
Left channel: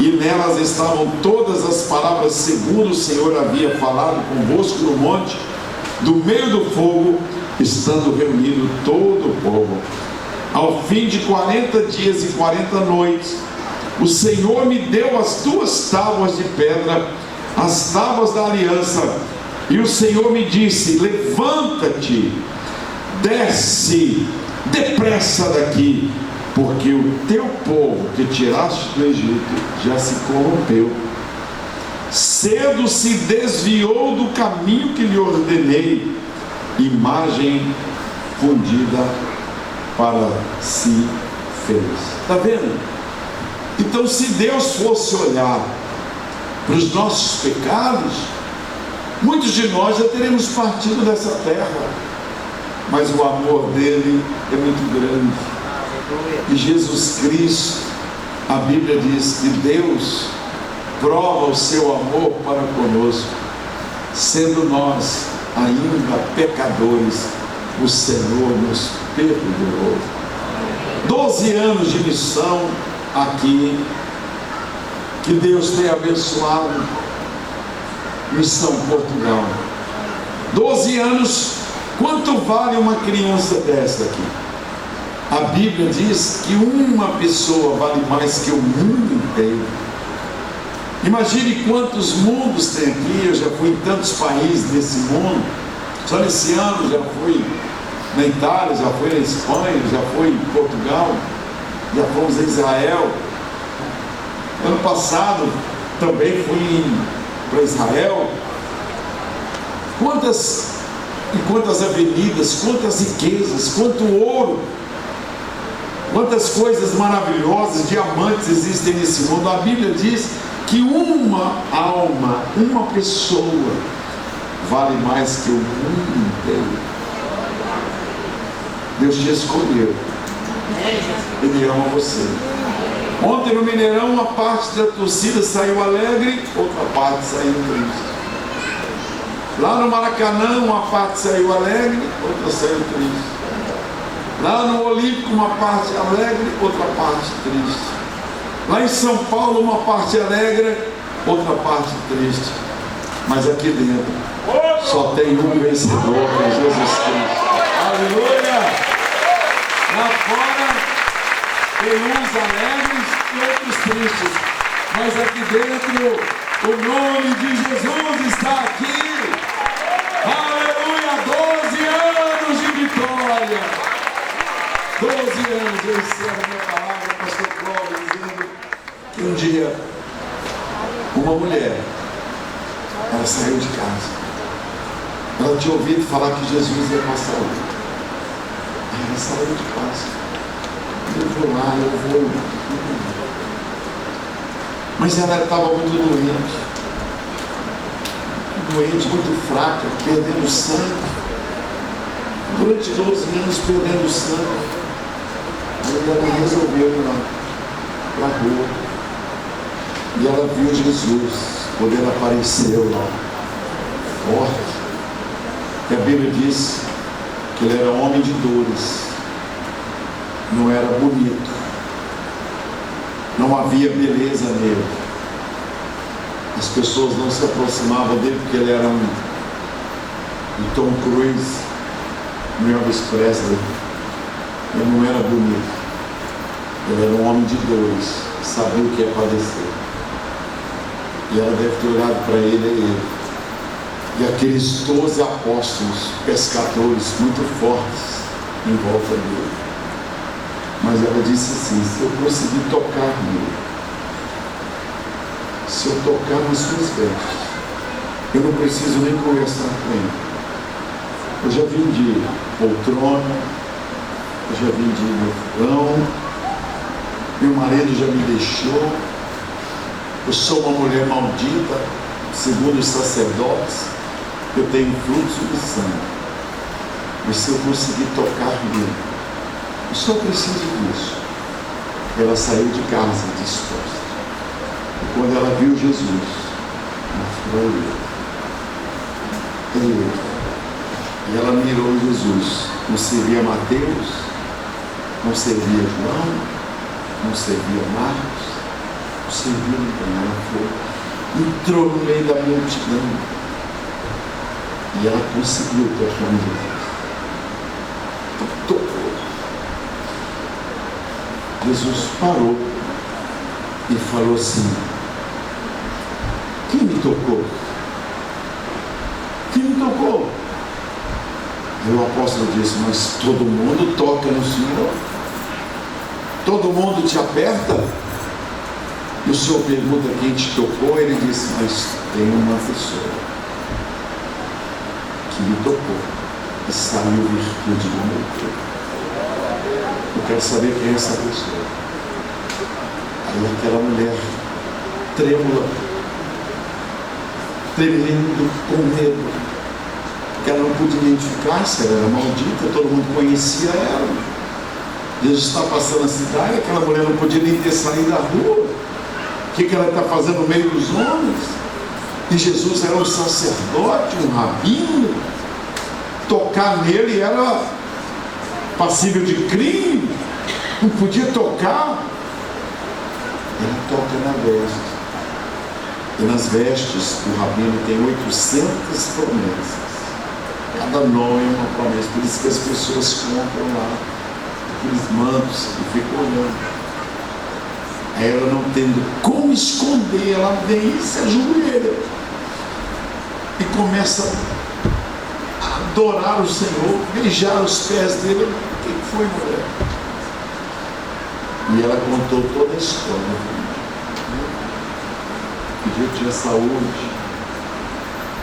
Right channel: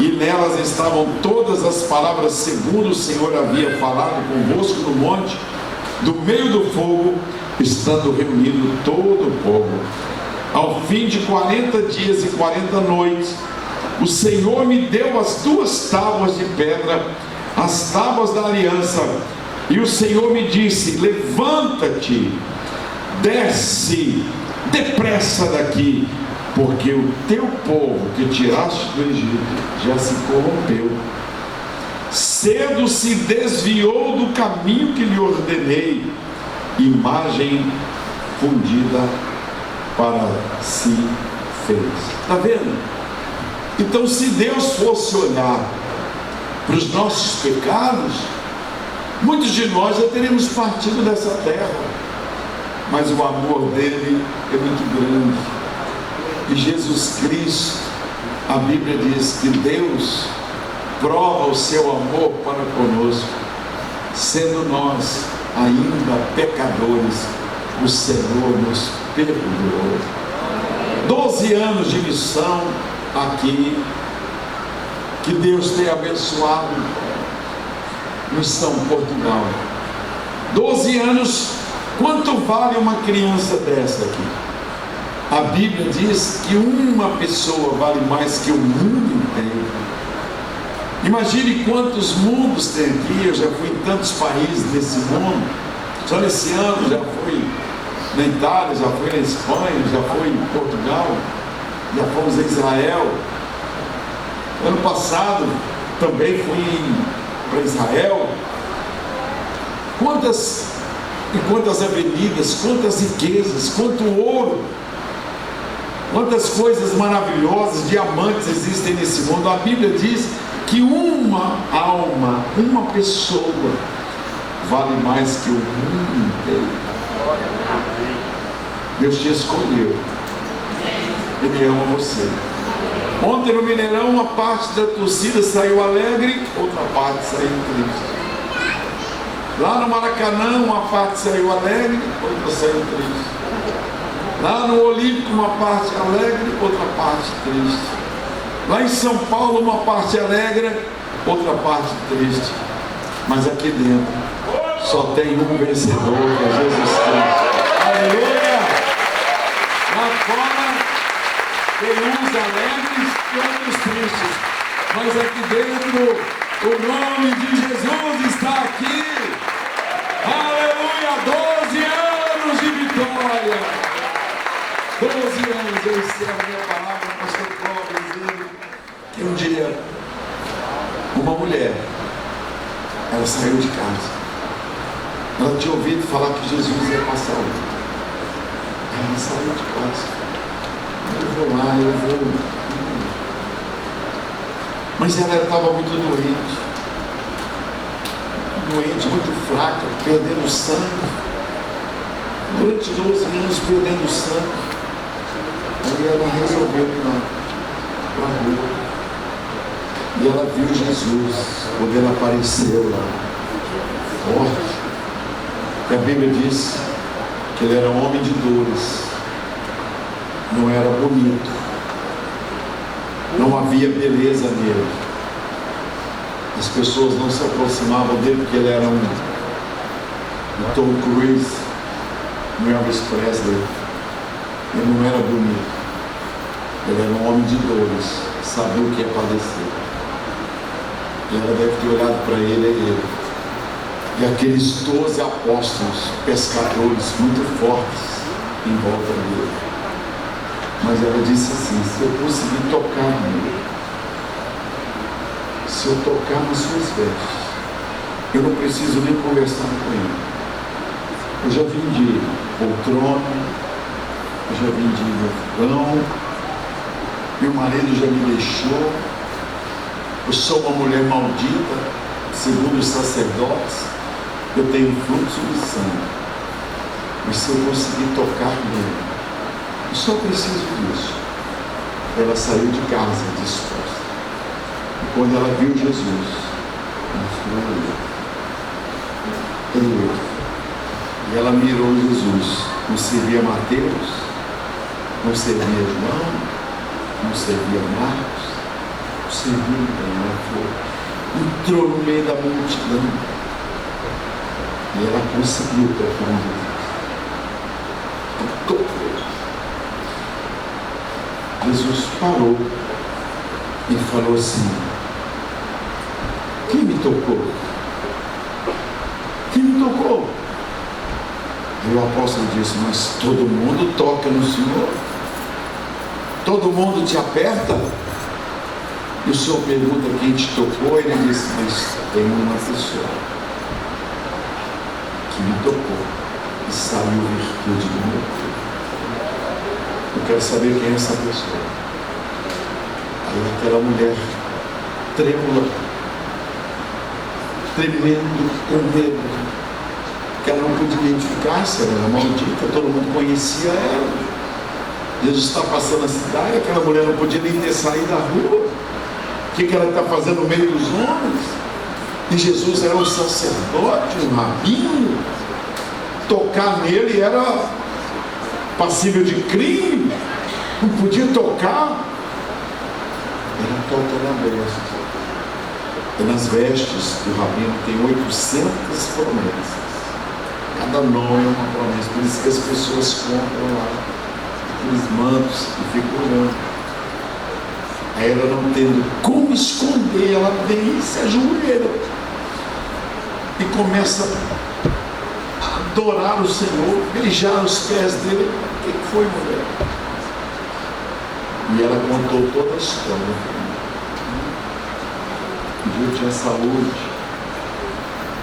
e nelas estavam todas as palavras segundo o Senhor havia falado convosco no monte, do meio do fogo, estando reunido todo o povo. Ao fim de 40 dias e 40 noites, o Senhor me deu as duas tábuas de pedra, as tábuas da aliança, e o Senhor me disse: levanta-te, desce depressa daqui, porque o teu povo que tiraste do Egito já se corrompeu. Cedo se desviou do caminho que lhe ordenei, imagem fundida para si fez. Está vendo? Então, se Deus fosse olhar para os nossos pecados, muitos de nós já teríamos partido dessa terra. Mas o amor dele é muito grande. E Jesus Cristo, a Bíblia diz que Deus prova o seu amor para conosco, sendo nós ainda pecadores, o Senhor nos perdoou. 12 anos de missão aqui, que Deus tem abençoado. Missão Portugal. 12 anos, quanto vale uma criança dessa aqui? A Bíblia diz que uma pessoa vale mais que o mundo inteiro. Imagine quantos mundos tem aqui. Eu já fui em tantos países desse mundo. Só nesse ano já fui na Itália, já fui na Espanha, já fui em Portugal, já fomos a Israel. Ano passado também fui para Israel. Quantas avenidas, quantas riquezas, quanto ouro, quantas coisas maravilhosas, diamantes existem nesse mundo. A Bíblia diz que uma alma, uma pessoa vale mais que o mundo inteiro. Deus te escolheu. Ele ama você. Ontem no Mineirão, uma parte da torcida saiu alegre, outra parte saiu triste. Lá no Maracanã, uma parte saiu alegre, outra saiu triste. Lá no Olímpico, uma parte alegre, outra parte triste. Lá em São Paulo, uma parte alegre, outra parte triste. Mas aqui dentro só tem um vencedor, que é Jesus Cristo. Aleluia! Lá fora tem uns alegres e outros tristes. Mas aqui dentro, o nome de Jesus está aqui. Aleluia! 12 anos de vitória. 12 anos. Eu encerro minha palavra, pastor Cláudio, dizendo que um dia uma mulher, ela saiu de casa. Ela tinha ouvido falar que Jesus ia passar lá. Ela saiu de casa. Eu vou lá, eu vou. Mas ela estava muito doente. doente, muito fraca, perdendo sangue. Durante 12 anos perdendo sangue. Aí ela resolveu ir lá na rua. E ela viu Jesus quando ele apareceu lá, forte. E a Bíblia diz que ele era homem de dores, não era bonito, não havia beleza nele. As pessoas não se aproximavam dele porque ele era um Tom Cruise, um Elvis Presley. Ele não era bonito, ele era um homem de dores, sabia o que ia padecer. E ela deve ter olhado para ele e aqueles 12 apóstolos, pescadores muito fortes em volta dele. Mas ela disse assim: se eu conseguir tocar nele, se eu tocar nas suas vestes, eu não preciso nem conversar com ele. Eu já vim de poltrona, eu já vim de vão, meu marido já me deixou, eu sou uma mulher maldita, segundo os sacerdotes, eu tenho fluxo de sangue. Mas se eu conseguir tocar nele, eu só preciso disso. Ela saiu de casa disposta. E quando ela viu Jesus, mostrou ele. E ela mirou Jesus. Não servia Mateus, não servia João, não servia Marcos, não servia ninguém. Ela foi, entrou no meio da multidão. E ela conseguiu tocar em Jesus. Tocou. Jesus parou e falou assim: quem me tocou? Quem me tocou? E o apóstolo disse: mas todo mundo toca no Senhor? Todo mundo te aperta? E o Senhor pergunta quem te tocou? Ele disse: mas tem uma pessoa que me tocou e saiu virtude do meu corpo. Eu quero saber quem é essa pessoa. Aí aquela mulher trêmula, tremendo, com medo, que ela não podia identificar se ela era maldita, todo mundo conhecia ela. Jesus está passando a cidade, aquela mulher não podia nem ter saído da rua. O que ela está fazendo no meio dos homens? E Jesus era um sacerdote, um rabino. Tocar nele era passível de crime, não podia tocar. Ele toca na veste. E nas vestes do rabino tem 800 promessas. Cada nome é uma promessa. Por isso que as pessoas compram lá aqueles mantos e ficam olhando. Aí ela, não tendo como esconder, ela vem e se ajoelha e começa a adorar o Senhor, beijar os pés dele. O que foi, mulher? E ela contou toda a história. Pediu que tinha saúde,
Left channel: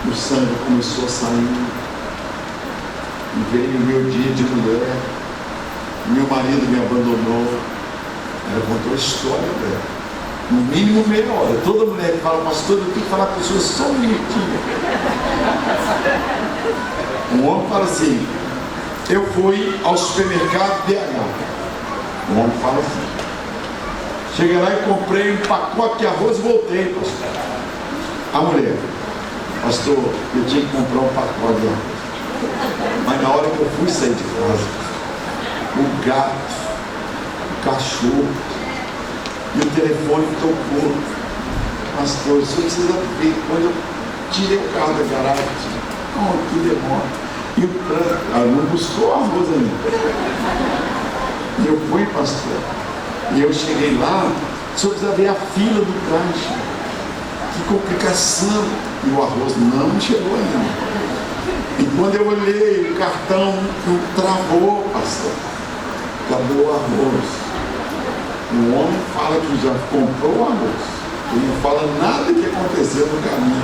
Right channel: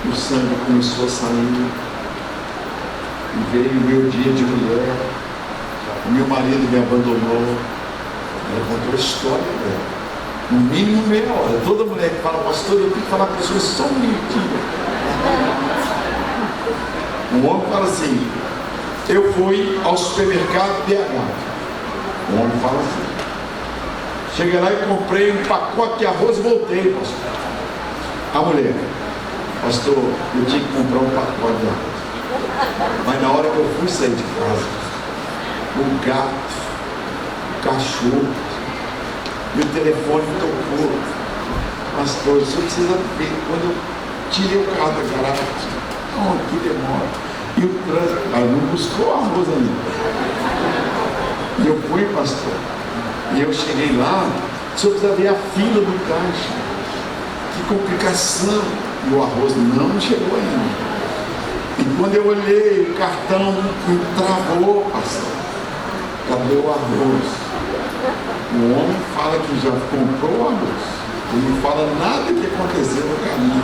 o sangue começou a sair, e veio o meu dia de mulher, meu marido me abandonou. Ela contou a história dela, no mínimo meia hora. Toda mulher que fala: pastor, eu tenho que falar com pessoas só um minutinho. Um homem fala assim: eu fui ao supermercado BH. Um homem fala assim: cheguei lá e comprei um pacote de arroz e voltei, pastor. A mulher: pastor, eu tinha que comprar um pacote de arroz, mas na hora que eu fui sair de casa, o gato, o cachorro e o telefone tocou. Pastor, o senhor precisa ver. Quando eu tirei o carro da garagem, que demora. E o trânsito, ela não buscou arroz ainda. E eu fui, pastor. E eu cheguei lá, o senhor precisa ver a fila do caixa. Que complicação. E o arroz não chegou ainda. E quando eu olhei, o cartão travou, pastor. Cadê o arroz? O homem fala que já comprou o arroz. Ele não fala nada que aconteceu no caminho.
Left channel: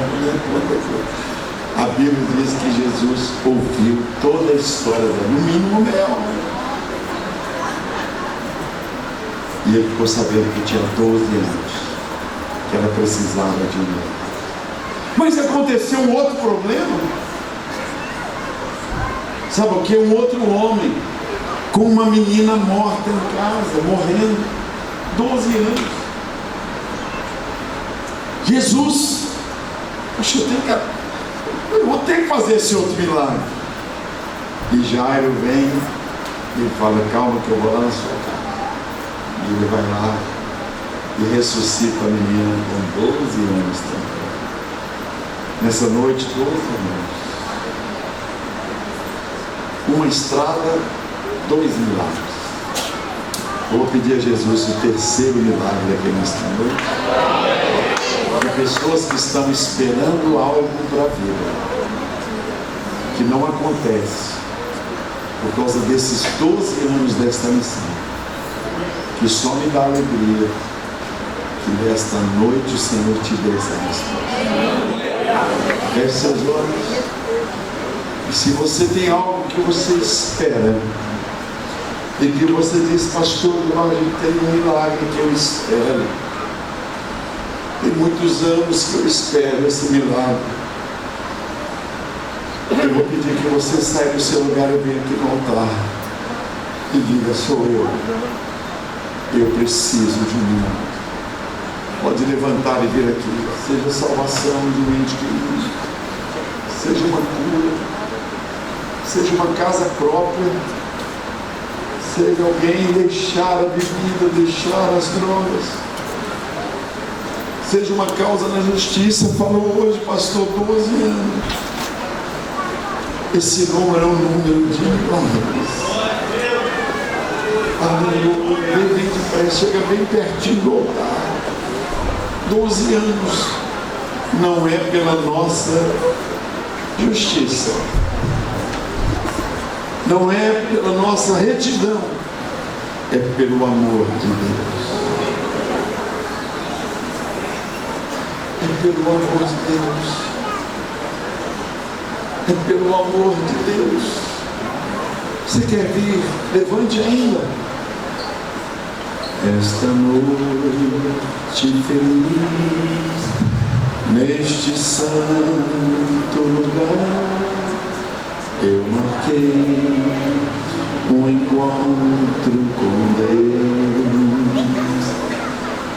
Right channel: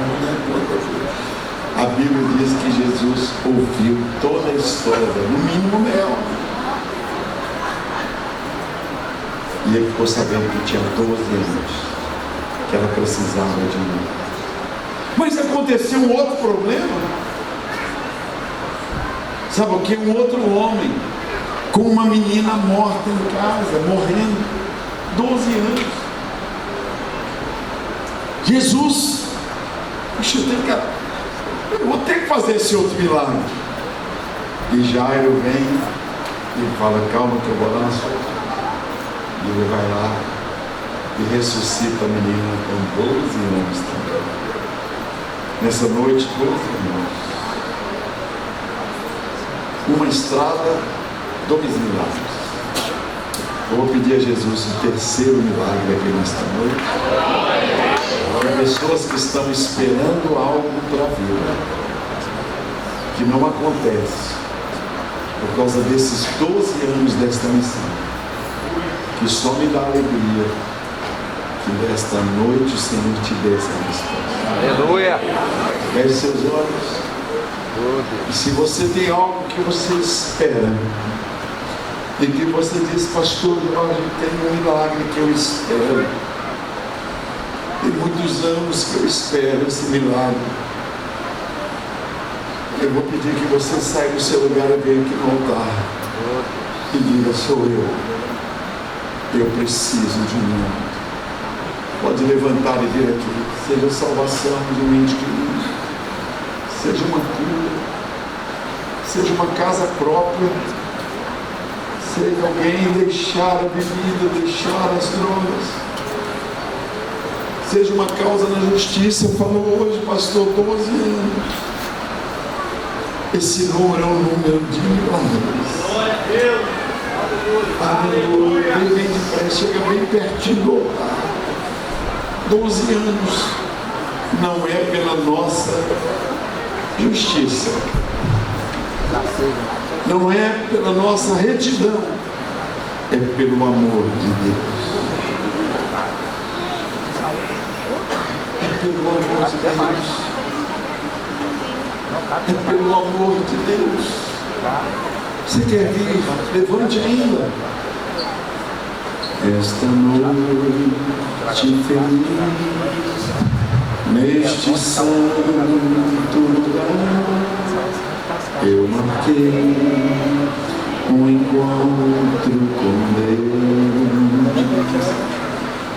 A Bíblia diz que Jesus ouviu toda a história dela, no mínimo dela. E ele ficou sabendo que tinha 12 anos, que ela precisava de um. Mas aconteceu um outro problema. Sabe o que? Um outro homem com uma menina morta em casa, morrendo, 12 anos. Jesus, poxa, eu vou ter que fazer esse outro milagre. E Jairo vem e fala: calma que eu vou lá na sua casa. E ele vai lá e ressuscita a menina com 12 anos também. Nessa noite, 12 anos. Uma estrada, 2 milagres. Eu vou pedir a Jesus o terceiro milagre aqui nesta noite. Para pessoas que estão esperando algo para a vida, que não acontece, por causa desses 12 anos desta missão, que só me dá alegria que nesta noite o Senhor te dê essa resposta. Feche seus olhos. E se você tem algo que você espera, e que você diz: pastor, eu tenho um milagre que eu espero, tem muitos anos que eu espero esse milagre, eu vou pedir que você saia do seu lugar e venha aqui no altar e diga: sou eu preciso de um milagre. Pode levantar e vir aqui, seja a salvação de um ente querido, seja uma cura, seja uma casa própria, seja alguém deixar a bebida, deixar as drogas, seja uma causa na justiça. Falou hoje, pastor, 12 anos. Esse número é um número de milagres. Aleluia. Vem de pé, chega bem pertinho do altar. 12 anos. Não é pela nossa justiça, não é pela nossa retidão, é pelo amor de Deus. É pelo amor de Deus. É pelo amor de Deus. Você quer vir? Levante ainda. Esta noite feliz, neste santo lugar, eu marquei um encontro com Deus.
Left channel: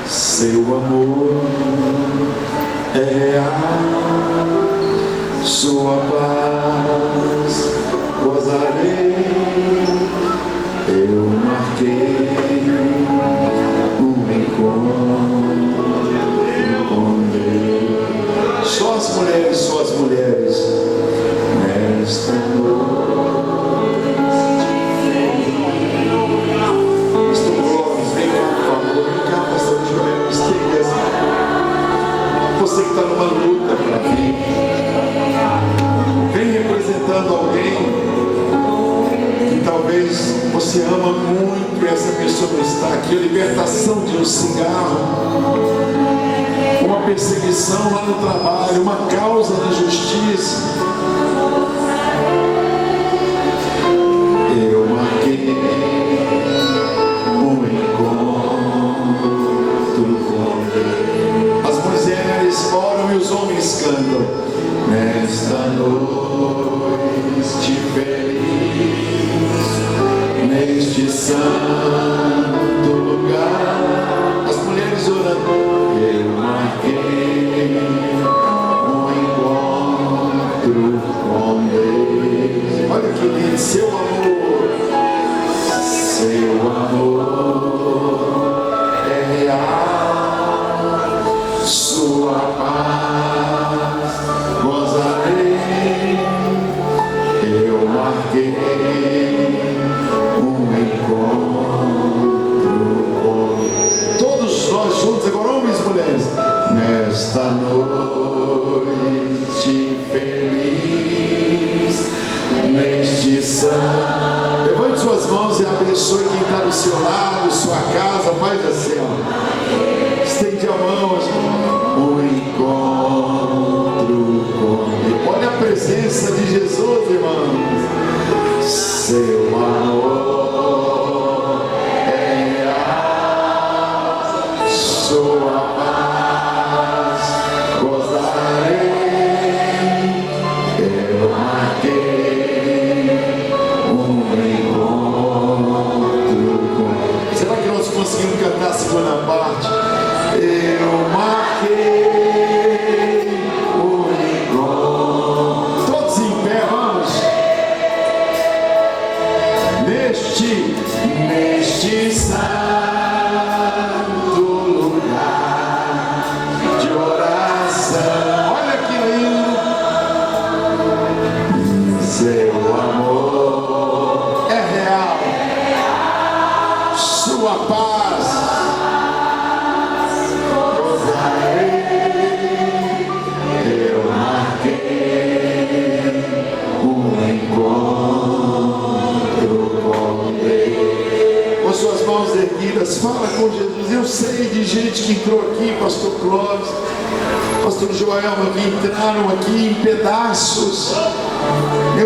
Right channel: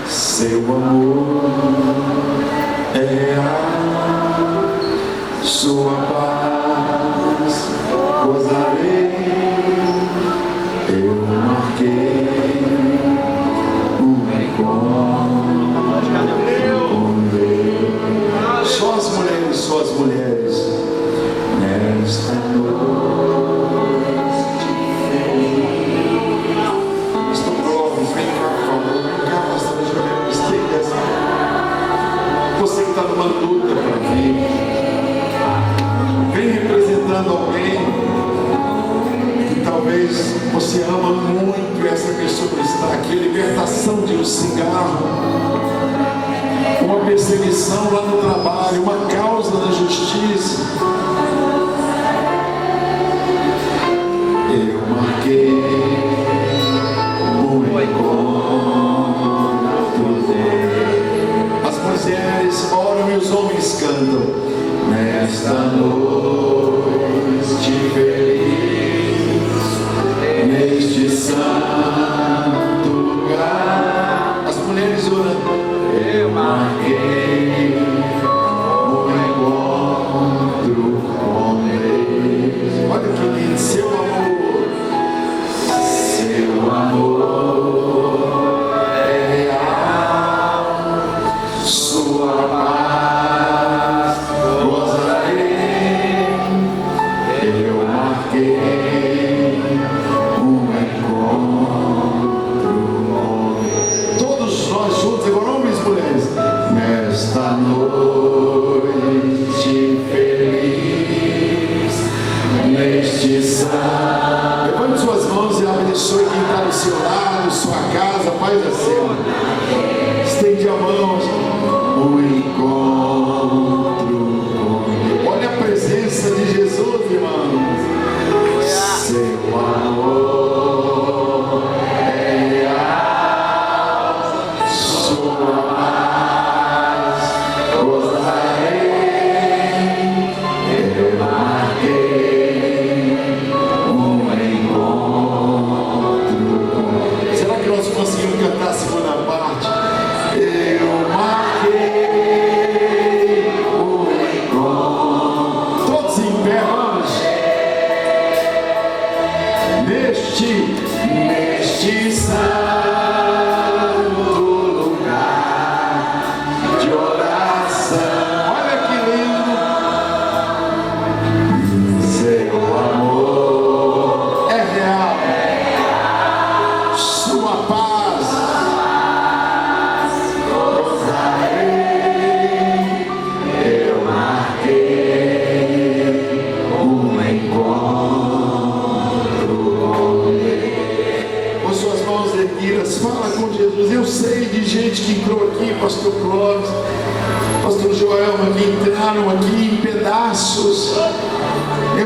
Seu amor é real, sua paz gozarei. Eu marquei um encontro com Deus. Só as mulheres, nesta noite. Você que está numa luta para vir, vem representando alguém que talvez você ama muito e essa pessoa não está aqui. A libertação de um cigarro, uma perseguição lá no trabalho, uma causa na justiça. Eu marquei um encontro com Deus. As mulheres oram e os homens cantam. Nesta noite feliz, neste santo lugar. As mulheres orando. Eu marquei um encontro com Deus. Olha que lindo, seu amor. Seu amor é real, sua paz gozarei.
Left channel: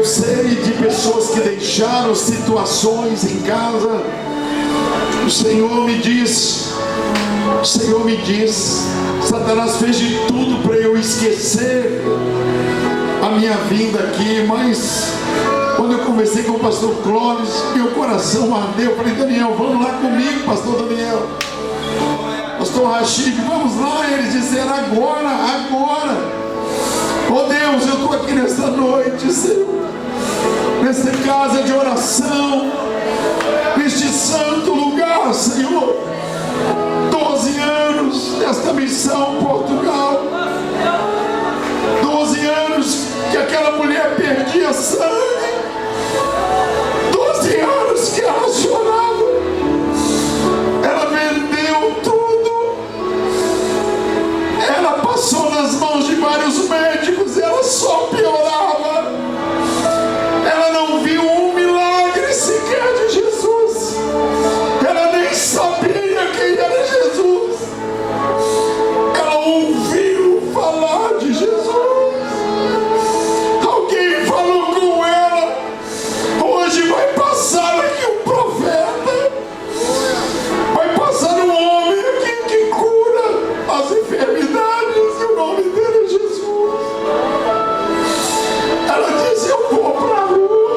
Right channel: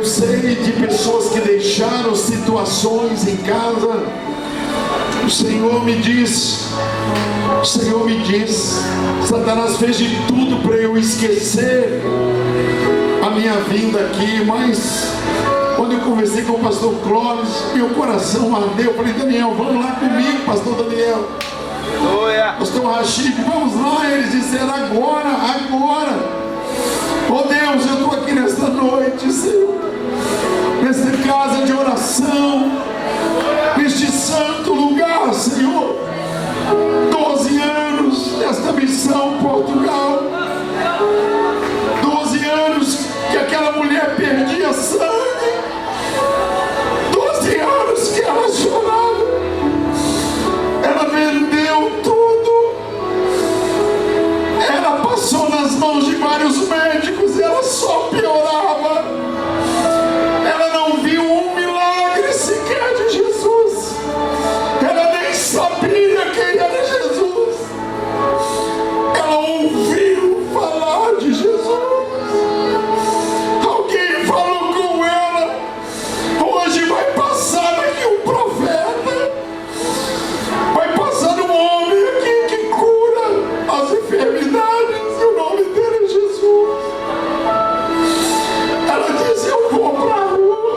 sei de pessoas que deixaram situações em casa. O Senhor me diz, Satanás fez de tudo para eu esquecer a minha vinda aqui, mas quando eu conversei com o pastor Clóvis, meu coração ardeu. Eu falei: Daniel, vamos lá comigo, pastor Daniel. Pastor Rachid, vamos lá. Eles disseram: agora. Oh Deus, eu estou aqui nesta noite, Senhor, nesta casa de oração, neste santo lugar, Senhor. 12 anos nesta missão Portugal, 12 anos que aquela mulher perdia sangue, 12 anos que ela chorava, ela vendeu tudo, ela passou nas mãos de vários médicos e ela só piorava. Ela não viu um milagre sequer de Jesus, ela nem sabia quem era Jesus, ela ouviu falar de Jesus. Alguém falou com ela: hoje vai passar aqui um profeta, vai passar um homem aqui que cura as enfermidades, e o nome dele é Jesus. Ela disse: eu vou para a rua,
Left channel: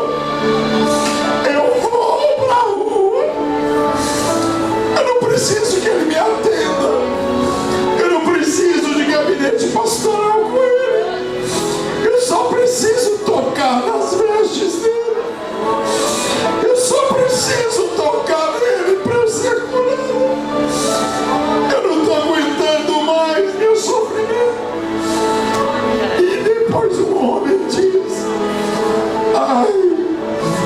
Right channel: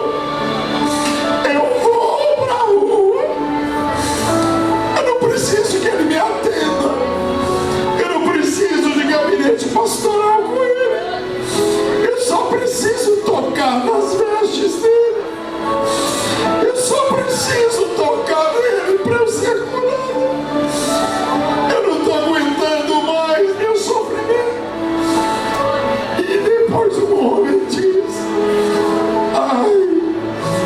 eu não preciso que ele me atenda, eu não preciso de gabinete pastoral com ele, eu só preciso tocar nas vestes dele, eu só preciso tocar nele para eu ser curado. Eu não estou aguentando mais meu sofrimento. E depois o homem diz: ai,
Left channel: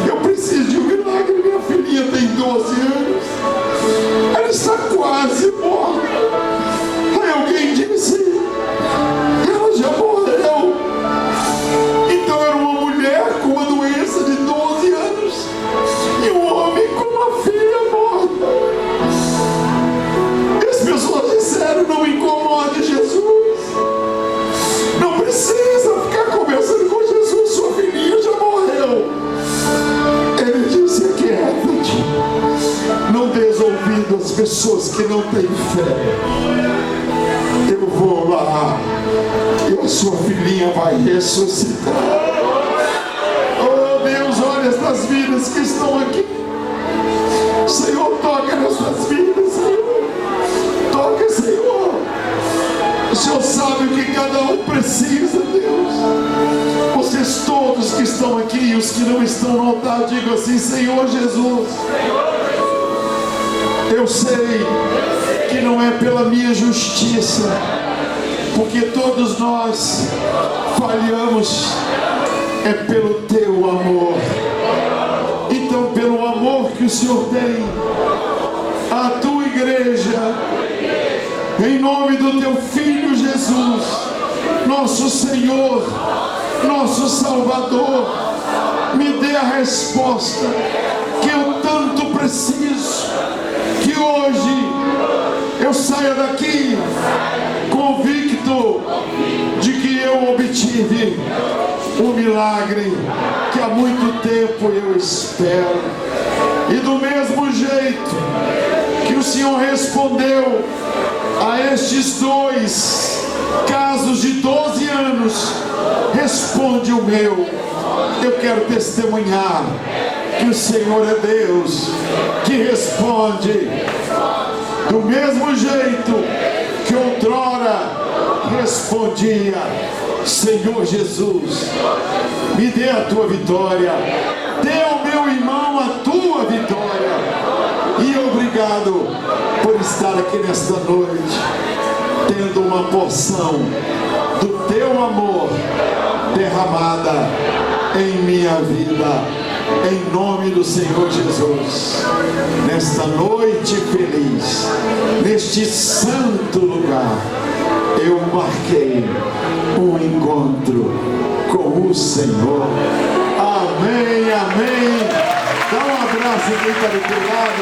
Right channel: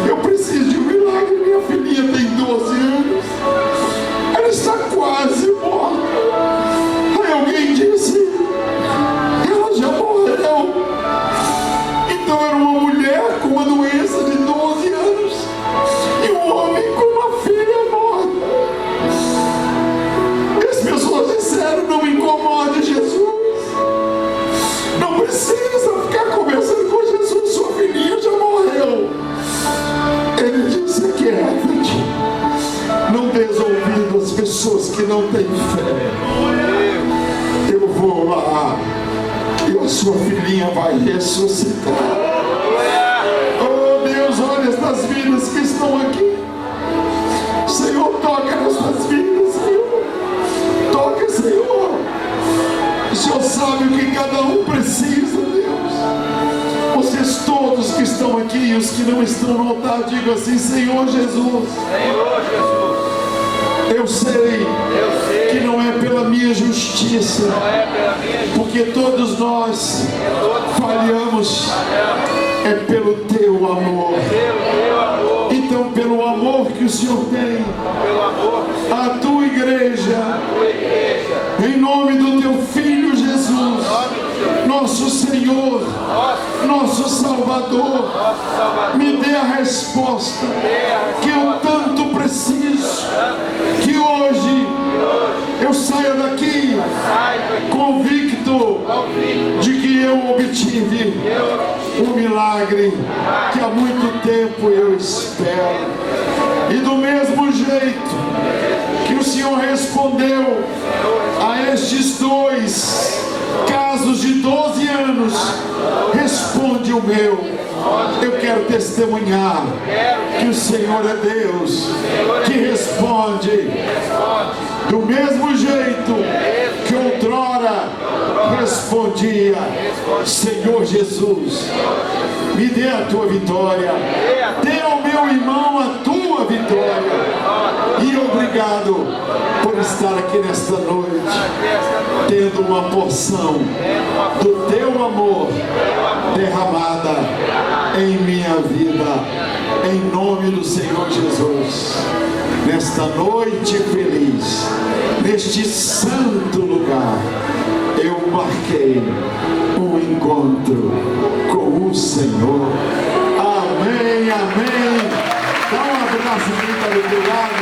eu preciso de um milagre. Minha filhinha tem 12 anos, ela está quase morta. Aí alguém disse: ela já morreu. Então era uma mulher com uma doença de 12 anos e um homem com uma filha morta. E as pessoas disseram: não incomode Jesus, não precisa ficar conversando com Jesus, sua filhinha já morreu. Ele disse: aquieta-te, não dês ouvido às pessoas que não têm fé. Eu vou lá e a sua filhinha vai ressuscitar. Oh Deus, olha estas vidas que estão aqui. Senhor, toca nestas vidas, Senhor. Toca, Senhor. O Senhor sabe o que cada um precisa, Deus. Vocês todos que estão aqui e os que não estão no altar, digam assim: Senhor Jesus, eu sei que não é pela minha justiça, porque todos nós falhamos, é pelo teu amor. Então, pelo amor que o Senhor tem à tua igreja, em nome do teu Filho Jesus, nosso Senhor, nosso Salvador, me dê a resposta que eu tanto preciso, que hoje eu saia daqui convicto de que eu obtive um milagre que há muito tempo eu espero. E do mesmo jeito que o Senhor respondeu a estes 2 casos de 12 anos, responde o meu. Eu quero testemunhar que o Senhor é Deus que responde do mesmo jeito que outrora respondia. Senhor Jesus, me dê a tua vitória, dê ao meu irmão a tua vitória. E obrigado por estar aqui nesta noite, tendo uma porção do teu amor derramada em minha vida, em nome do Senhor Jesus. Nesta noite feliz, neste santo lugar, eu marquei um encontro com o Senhor. Amém, amém. Dá um abraço em quem está do teu lado,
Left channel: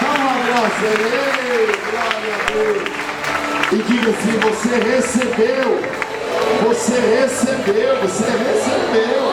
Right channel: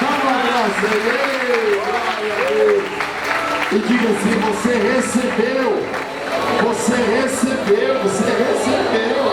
dá um abraço a ele, glória a Deus. E diga assim: você recebeu, você recebeu, você recebeu.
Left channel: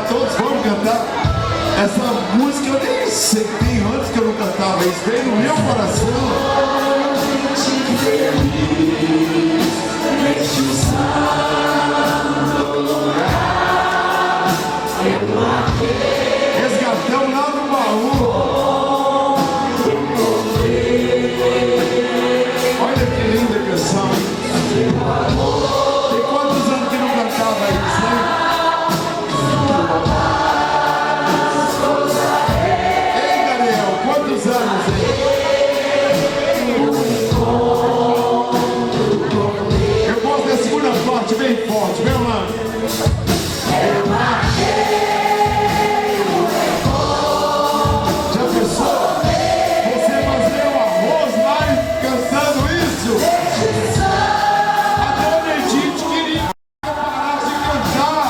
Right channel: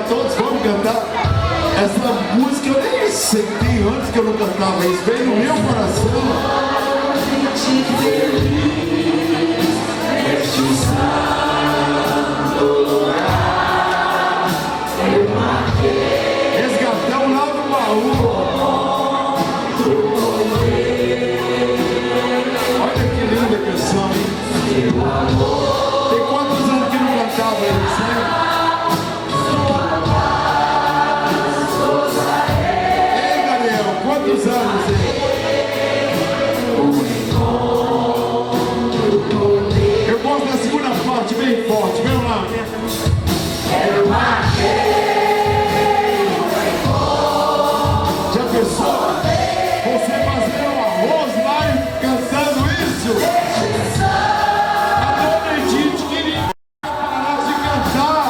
cantar todos? Vamos cantar? Essa música eu nem sentei antes que eu não cantava, isso veio no meu coração. Resgatamos lá no baú. Olha que linda canção, hein? Tem quantos anos que não cantava isso, hein? Ei, Daniel, quantos anos, hein? Eu gosto da segunda parte, bem forte, vem lá. Já pensou? Você fazer um arroz lá e cantando isso? A dona Edith queria parar de cantar.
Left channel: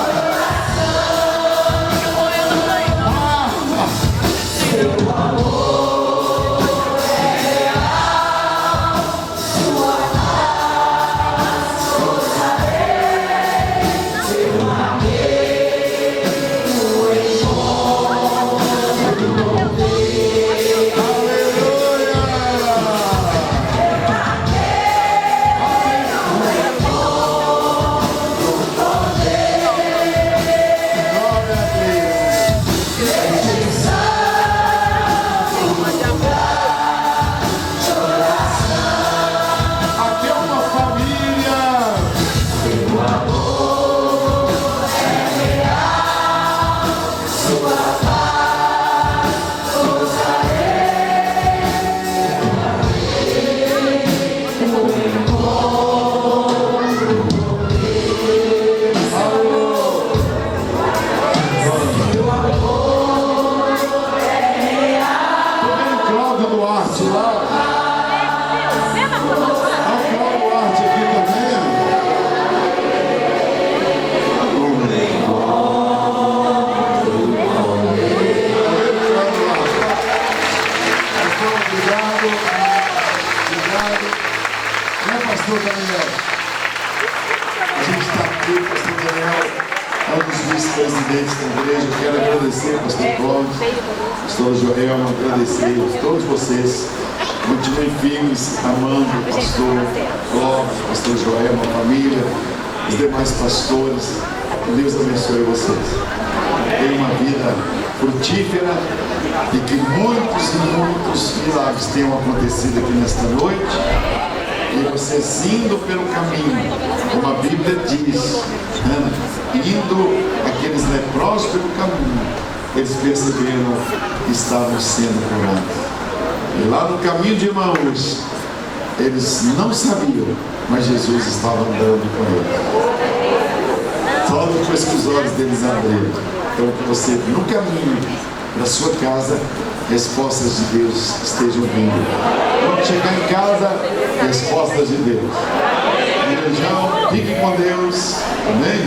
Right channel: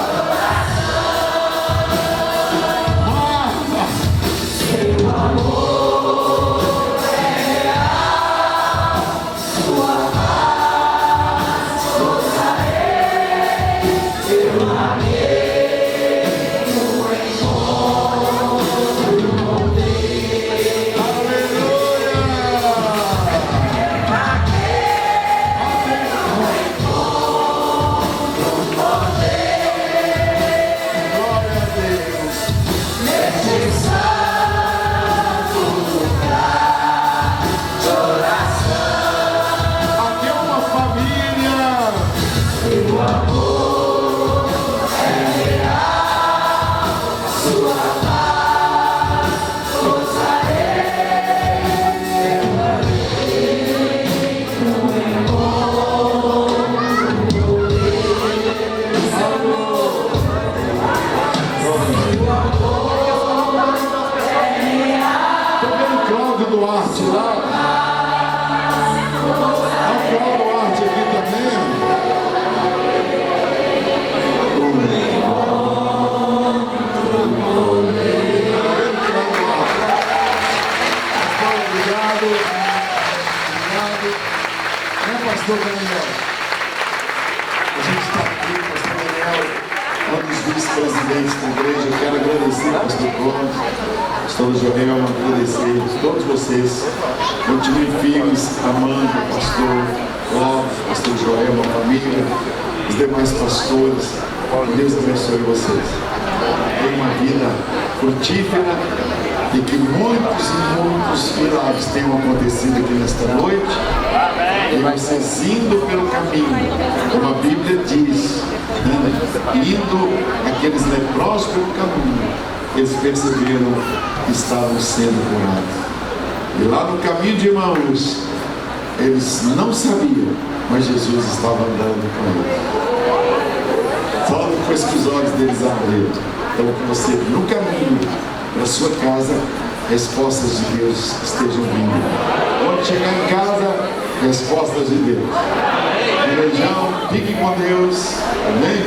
Presidentes da igreja, eu quero agradecer ao pastor Cláudio, pastor Joel, agradecer a todos vocês. Continuem firmes, amando o pastor Cláudio, pastor Joel, a família, os demais pastores. Deus abençoe vocês. Tenham uma vida frutífera e que muitos e muitos milagres tenham acontecido aqui nesta noite. E vocês indo pelo caminho, como a Bíblia diz, indo aqueles leprosos pelo caminho, eles perceberam que estavam sendo curados. E lá no caminho de Emaús, eles não sabiam, mas Jesus estava andando com eles. Só depois que os olhos deles abriram. Então que você, no caminho da sua casa, respostas de Deus estejam vindo. Quando chegar em casa, respostas de Deus. Beijão, fiquem com Deus. Amém?